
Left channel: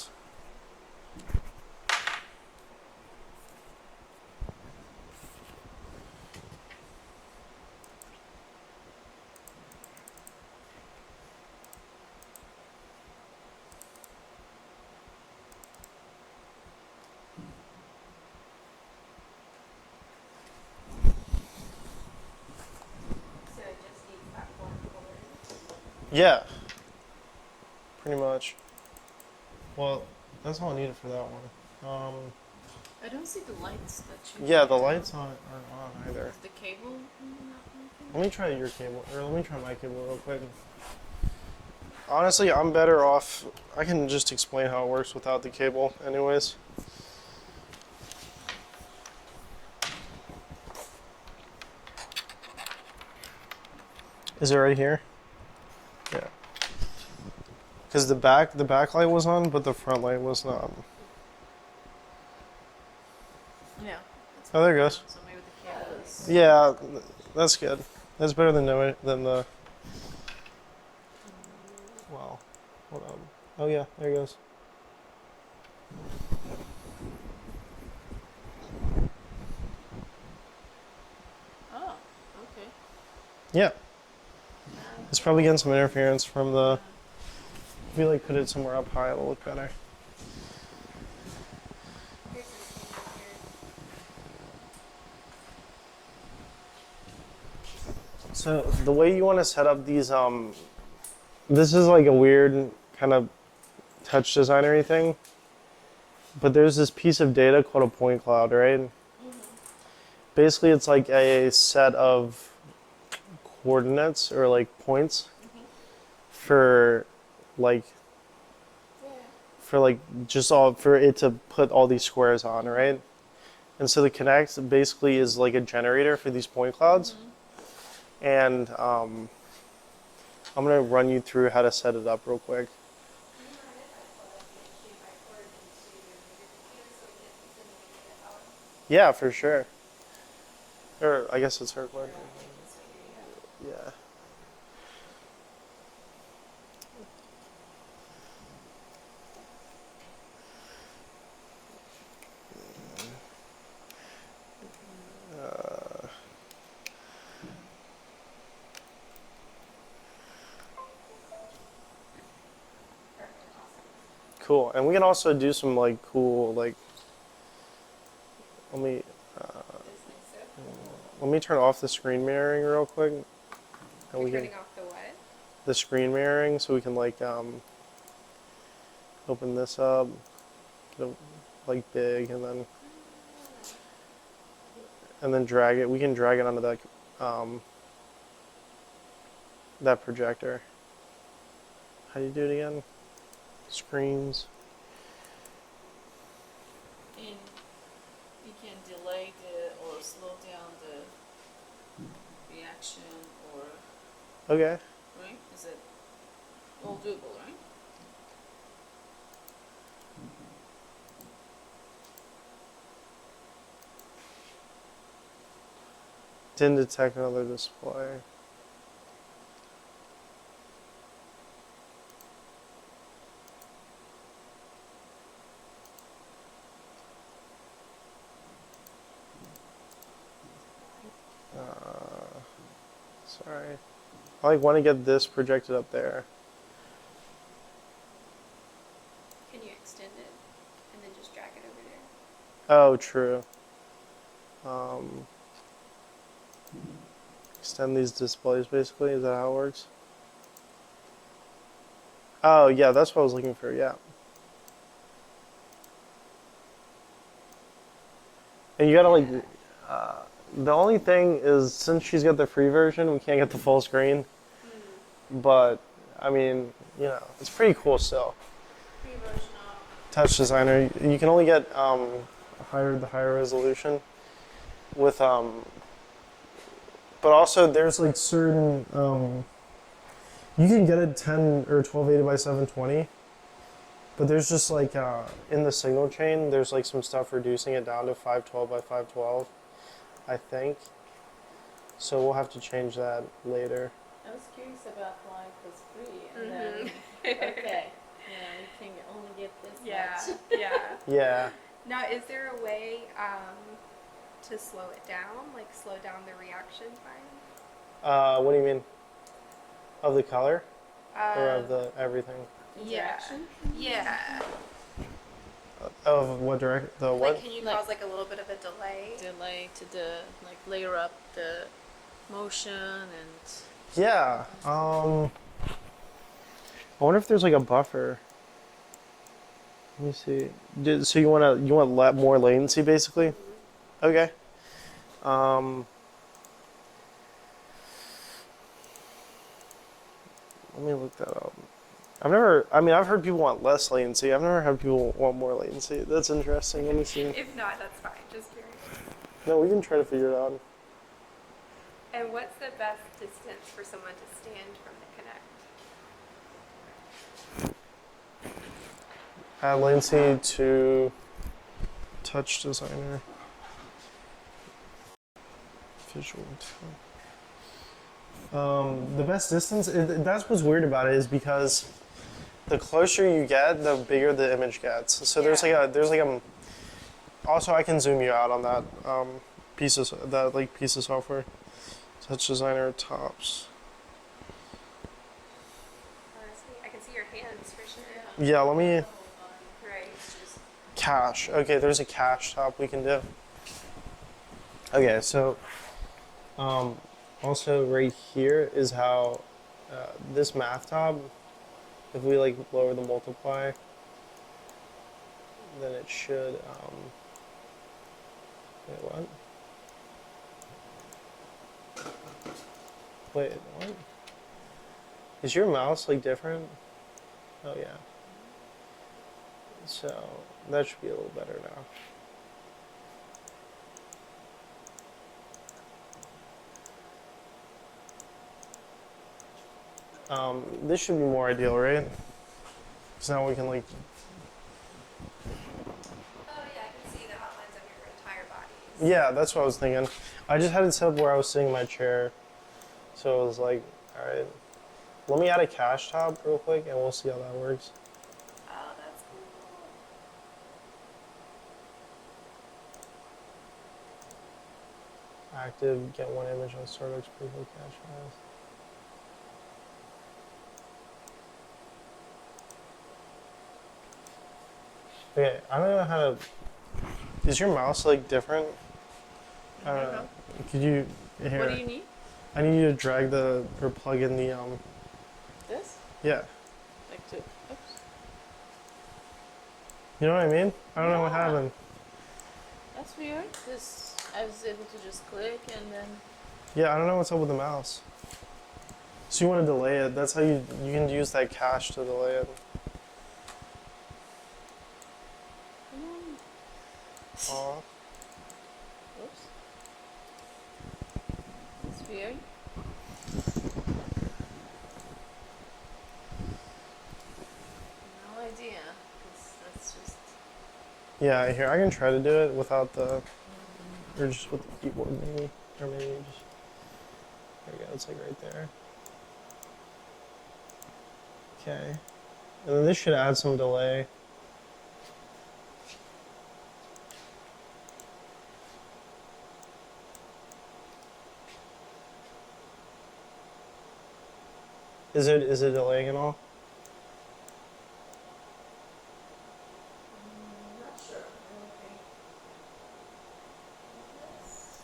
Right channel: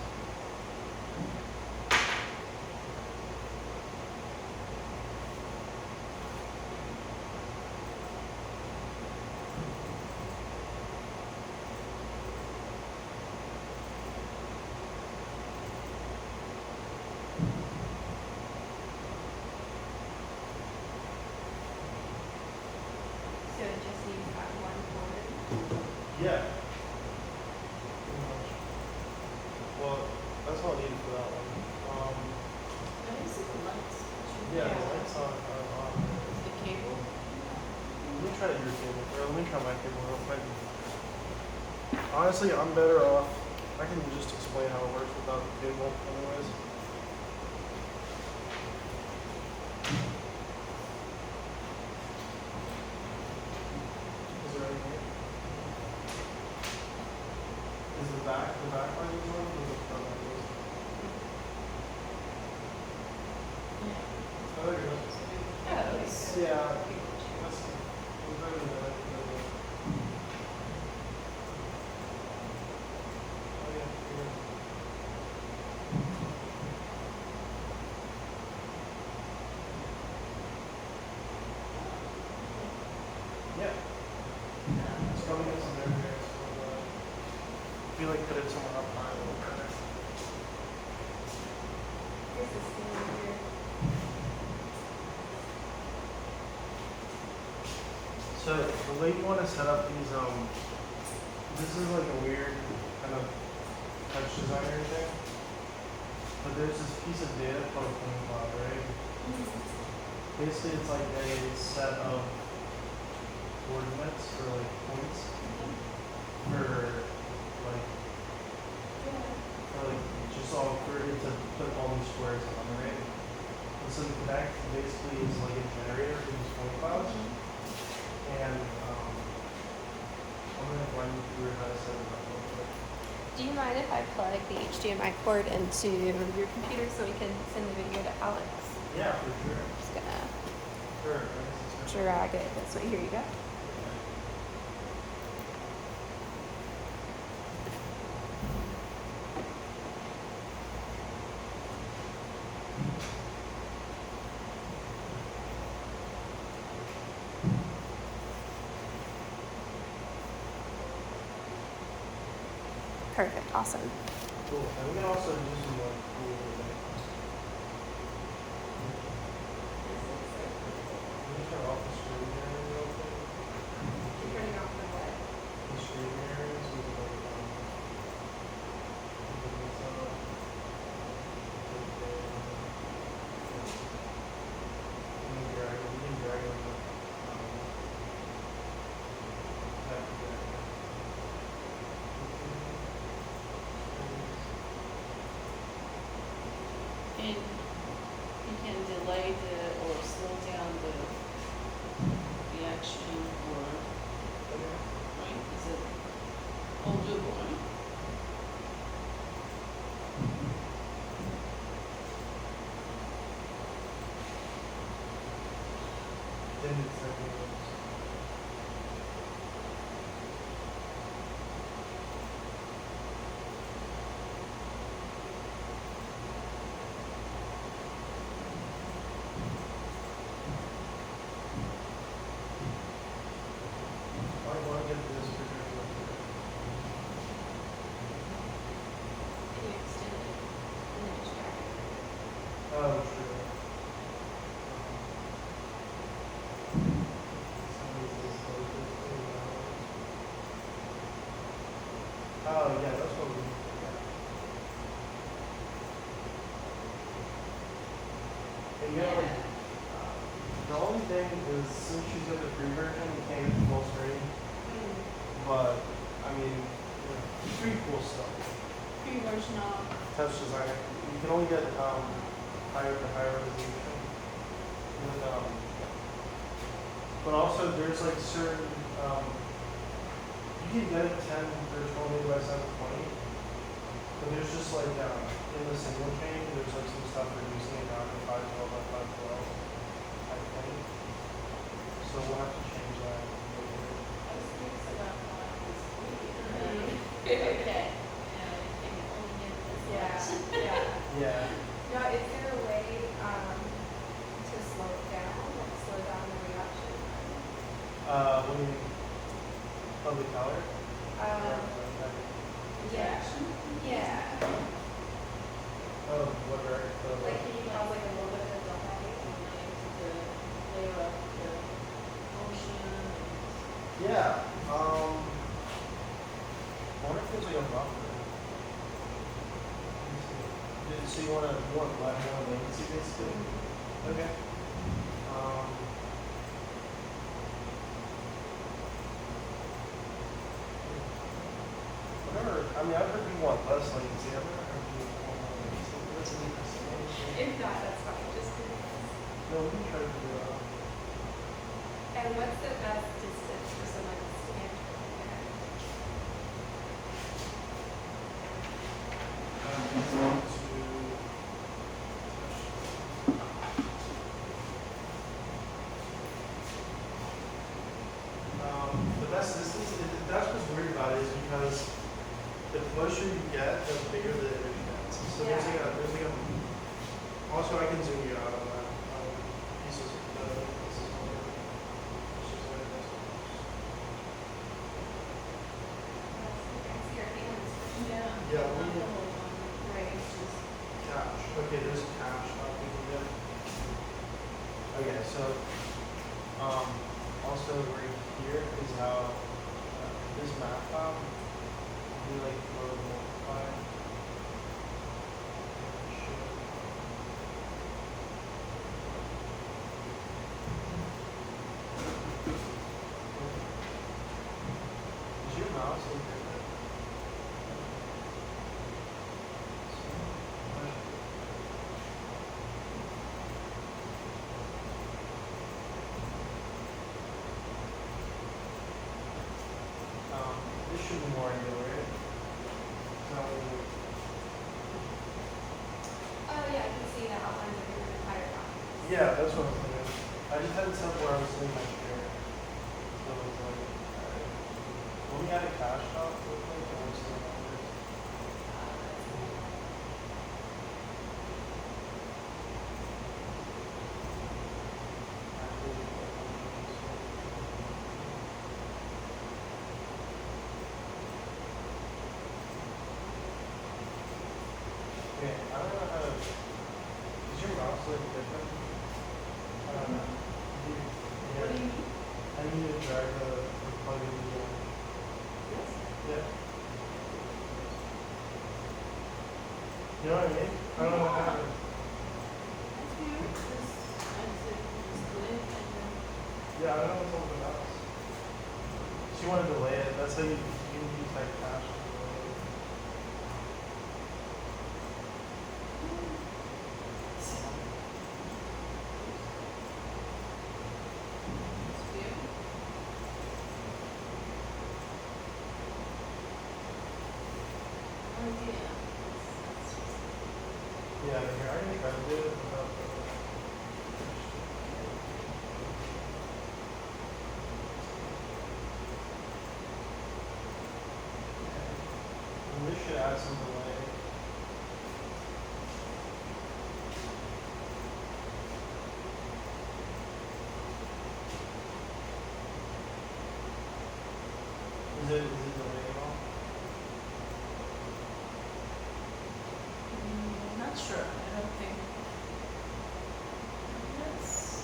So it just needs that one board. Yeah. Pretty much. Well, that's all I needed for that one. I don't see the lights. Yeah, the lights aren't on either. The cable. Let me try your cable, or let me try my cable real quick. Honestly, I'm better off. I can just explain how it works without the cable, anyways. Is it right here? Yeah. Because the back light was on, but the front light was not. Yeah. Oh, there it goes. Yeah, that's good. That's better than the Oh yeah, there he goes. Oh, Yeah. It's probably getting some interference from the. If you like put it somewhere up high, it'll look better. Here's the scene here. So the way you want to set up these, this is like a weird kind of touch designery thing, but there's this piece of data called a point cloud, right? Basically, it's like a set of coordinates or like points for like just all for it to put all these squares on, right? And so the Kinect basically is like a generator for these point clouds. And I'm gonna run you through how to set it up real quick. Do you mind if I plug the HDMI cord into your computer so we can send the video to Alex? Yeah, for sure. I'm just gonna Or I guess it's her. Sorry. drag it this way. Here you go. Yeah. Perfect. Awesome. Cool. And we can also do some like cool like. Let me turn off the screen mirroring real quick. And we can- Turning off the what? the screen mirroring so we can like open this up, put it, like big, and then drag it. We can drag it onto that projector. How do you do it again? Screens. and you can delay the or slow down the reaction or Okay. right? Is it all doable, right? Didn't detect another display. Sorry. I like want to get this projected up there. Can you extend it and then just drag it? Oh, true. Extend these displays basically, is that how it works? Oh, yeah, that's what I was looking for, yeah. And you gotta like, the only thing is since she's got the free version, we can't get the full screen. But, I mean, you know, it's pretty cool still. Free version of Touch Designer, you can only get higher resolution with, but also there's like certain, you can get it 10 or 1280 by 720, but there's just like, in the single chain, there's like some stuff reducing it down to 512 by 512, I think. So we'll have to change that later. I was curious about why it was free and then okay. And you can only get this Yeah, much. yeah. Yeah. Now, is there a way to slow it down, like slow down the reaction time? What do you mean? Of the color? Or Um, of the everything? yeah. Yeah. Of what direct? The what? Like, can you cause like a little bit of a delay? Delay to the layer up the motion and Yeah. I wonder if there's like a buffer. Let me see. So you want more latency basically? Okay. Let me look that up. I've heard people want less latency. I've never had people want more latency. That's interesting. Let me see. If not, that's fine. Just No, we can try to figure it out. and what's the best distance for someone to stand from the Add latency to touch designer. The best distance, that's what's weird about it is because The closer you get, the bigger the image gets. So there's like a. Also, I can zoom you out on that piece of software. Touch Designer tops. I can see your hands stretching down. Yeah, let me Right. cache. Okay, there's a cache tab we can do. Okay, so also right here is how this math tab, if we like lower the multiply, then it should. Wait, what? Wait, what? Is your mouse like different? Oh yeah. So that should be a little better now. This should be more ideal, right? Because now we can like. Oh yeah, I can see the outlines of your entire body. Yeah, that's what I was thinking. I just had it set up where I was sitting in my chair, so it was like, all right. Let me add a cache tab real quick, and we'll see how that works. That's cool. Active, get one image and storage. People. Okay, I don't know how to. Is your mouse like different? I don't know. Could you here? What do you need? I need you to drag or plug in the This? Yeah. Like to. You know what I mean? I don't know what happened. That's weird. This I was able to just click and then. Yeah, I don't know what's up with the mouse. So you want to delay it? That's how you can use that cache to delay it. Oh. It's weird. No idea. That's just. Yeah, here I can try to do it without the. Or just with the keyboard maybe. Yeah, it's like right there. Okay. And then this should add some delay. Is it delaying at all? Not sure. I don't think. Yes.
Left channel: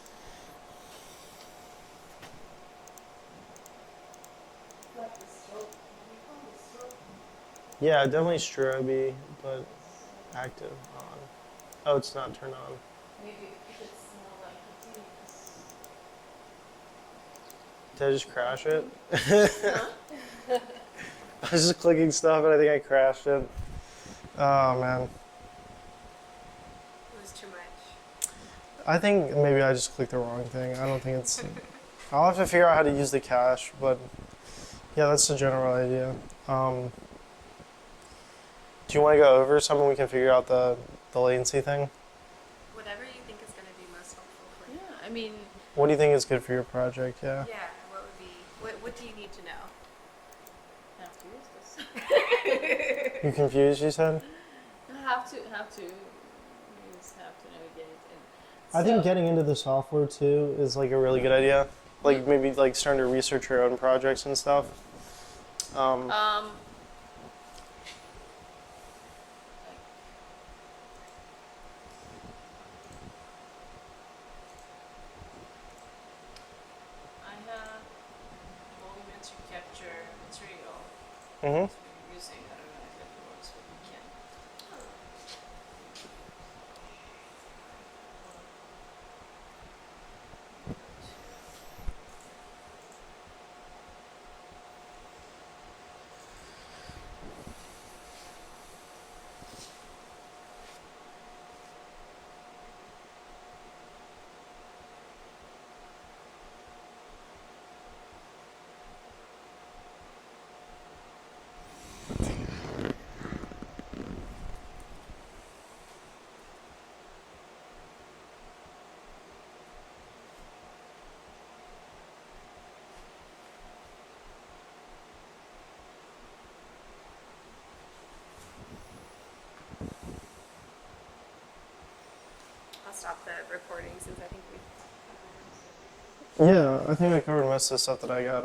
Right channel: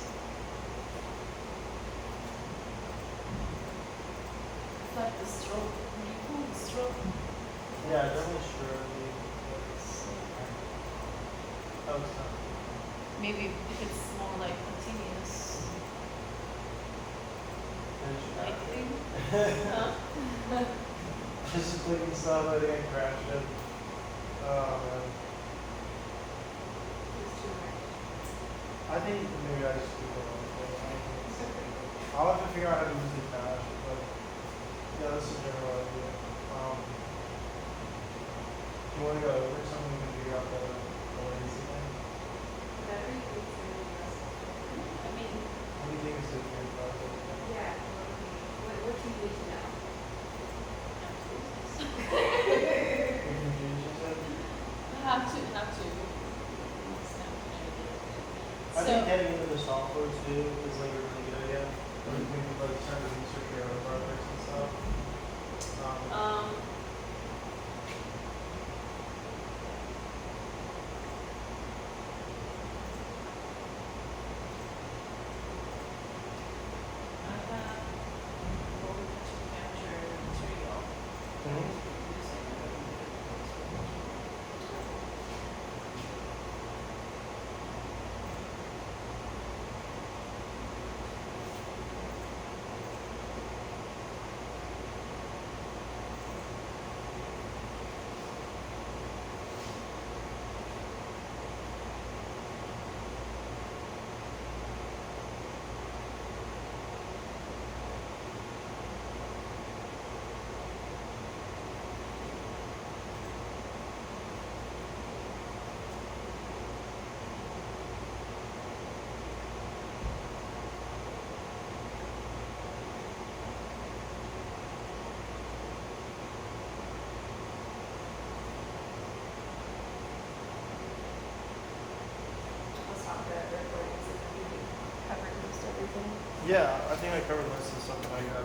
Like the stroke. What do you call it? Stroke? Yeah, definitely strobe, but active. Oh, it's not turned on. Maybe if it's more like continuous. Did I just crash it? No? I was just clicking stuff and I think I crashed it. Oh man. It's too much. I think maybe I just clicked the wrong thing. I don't think it's. I'll have to figure out how to use the cache, but yeah, that's the general idea. Do you want to go over something we can figure out the latency thing? Whatever you think is going to be most helpful. Yeah, I mean, What do you think is good for your project? Yeah. Yeah, what do you need to know? You confused? You said. I have to navigate it. I think So- getting into the software too is like a really good idea. Like maybe like starting to research your own projects and stuff. I have golden to capture material. Mhm. Using Yeah, I think I covered most of the stuff that I got.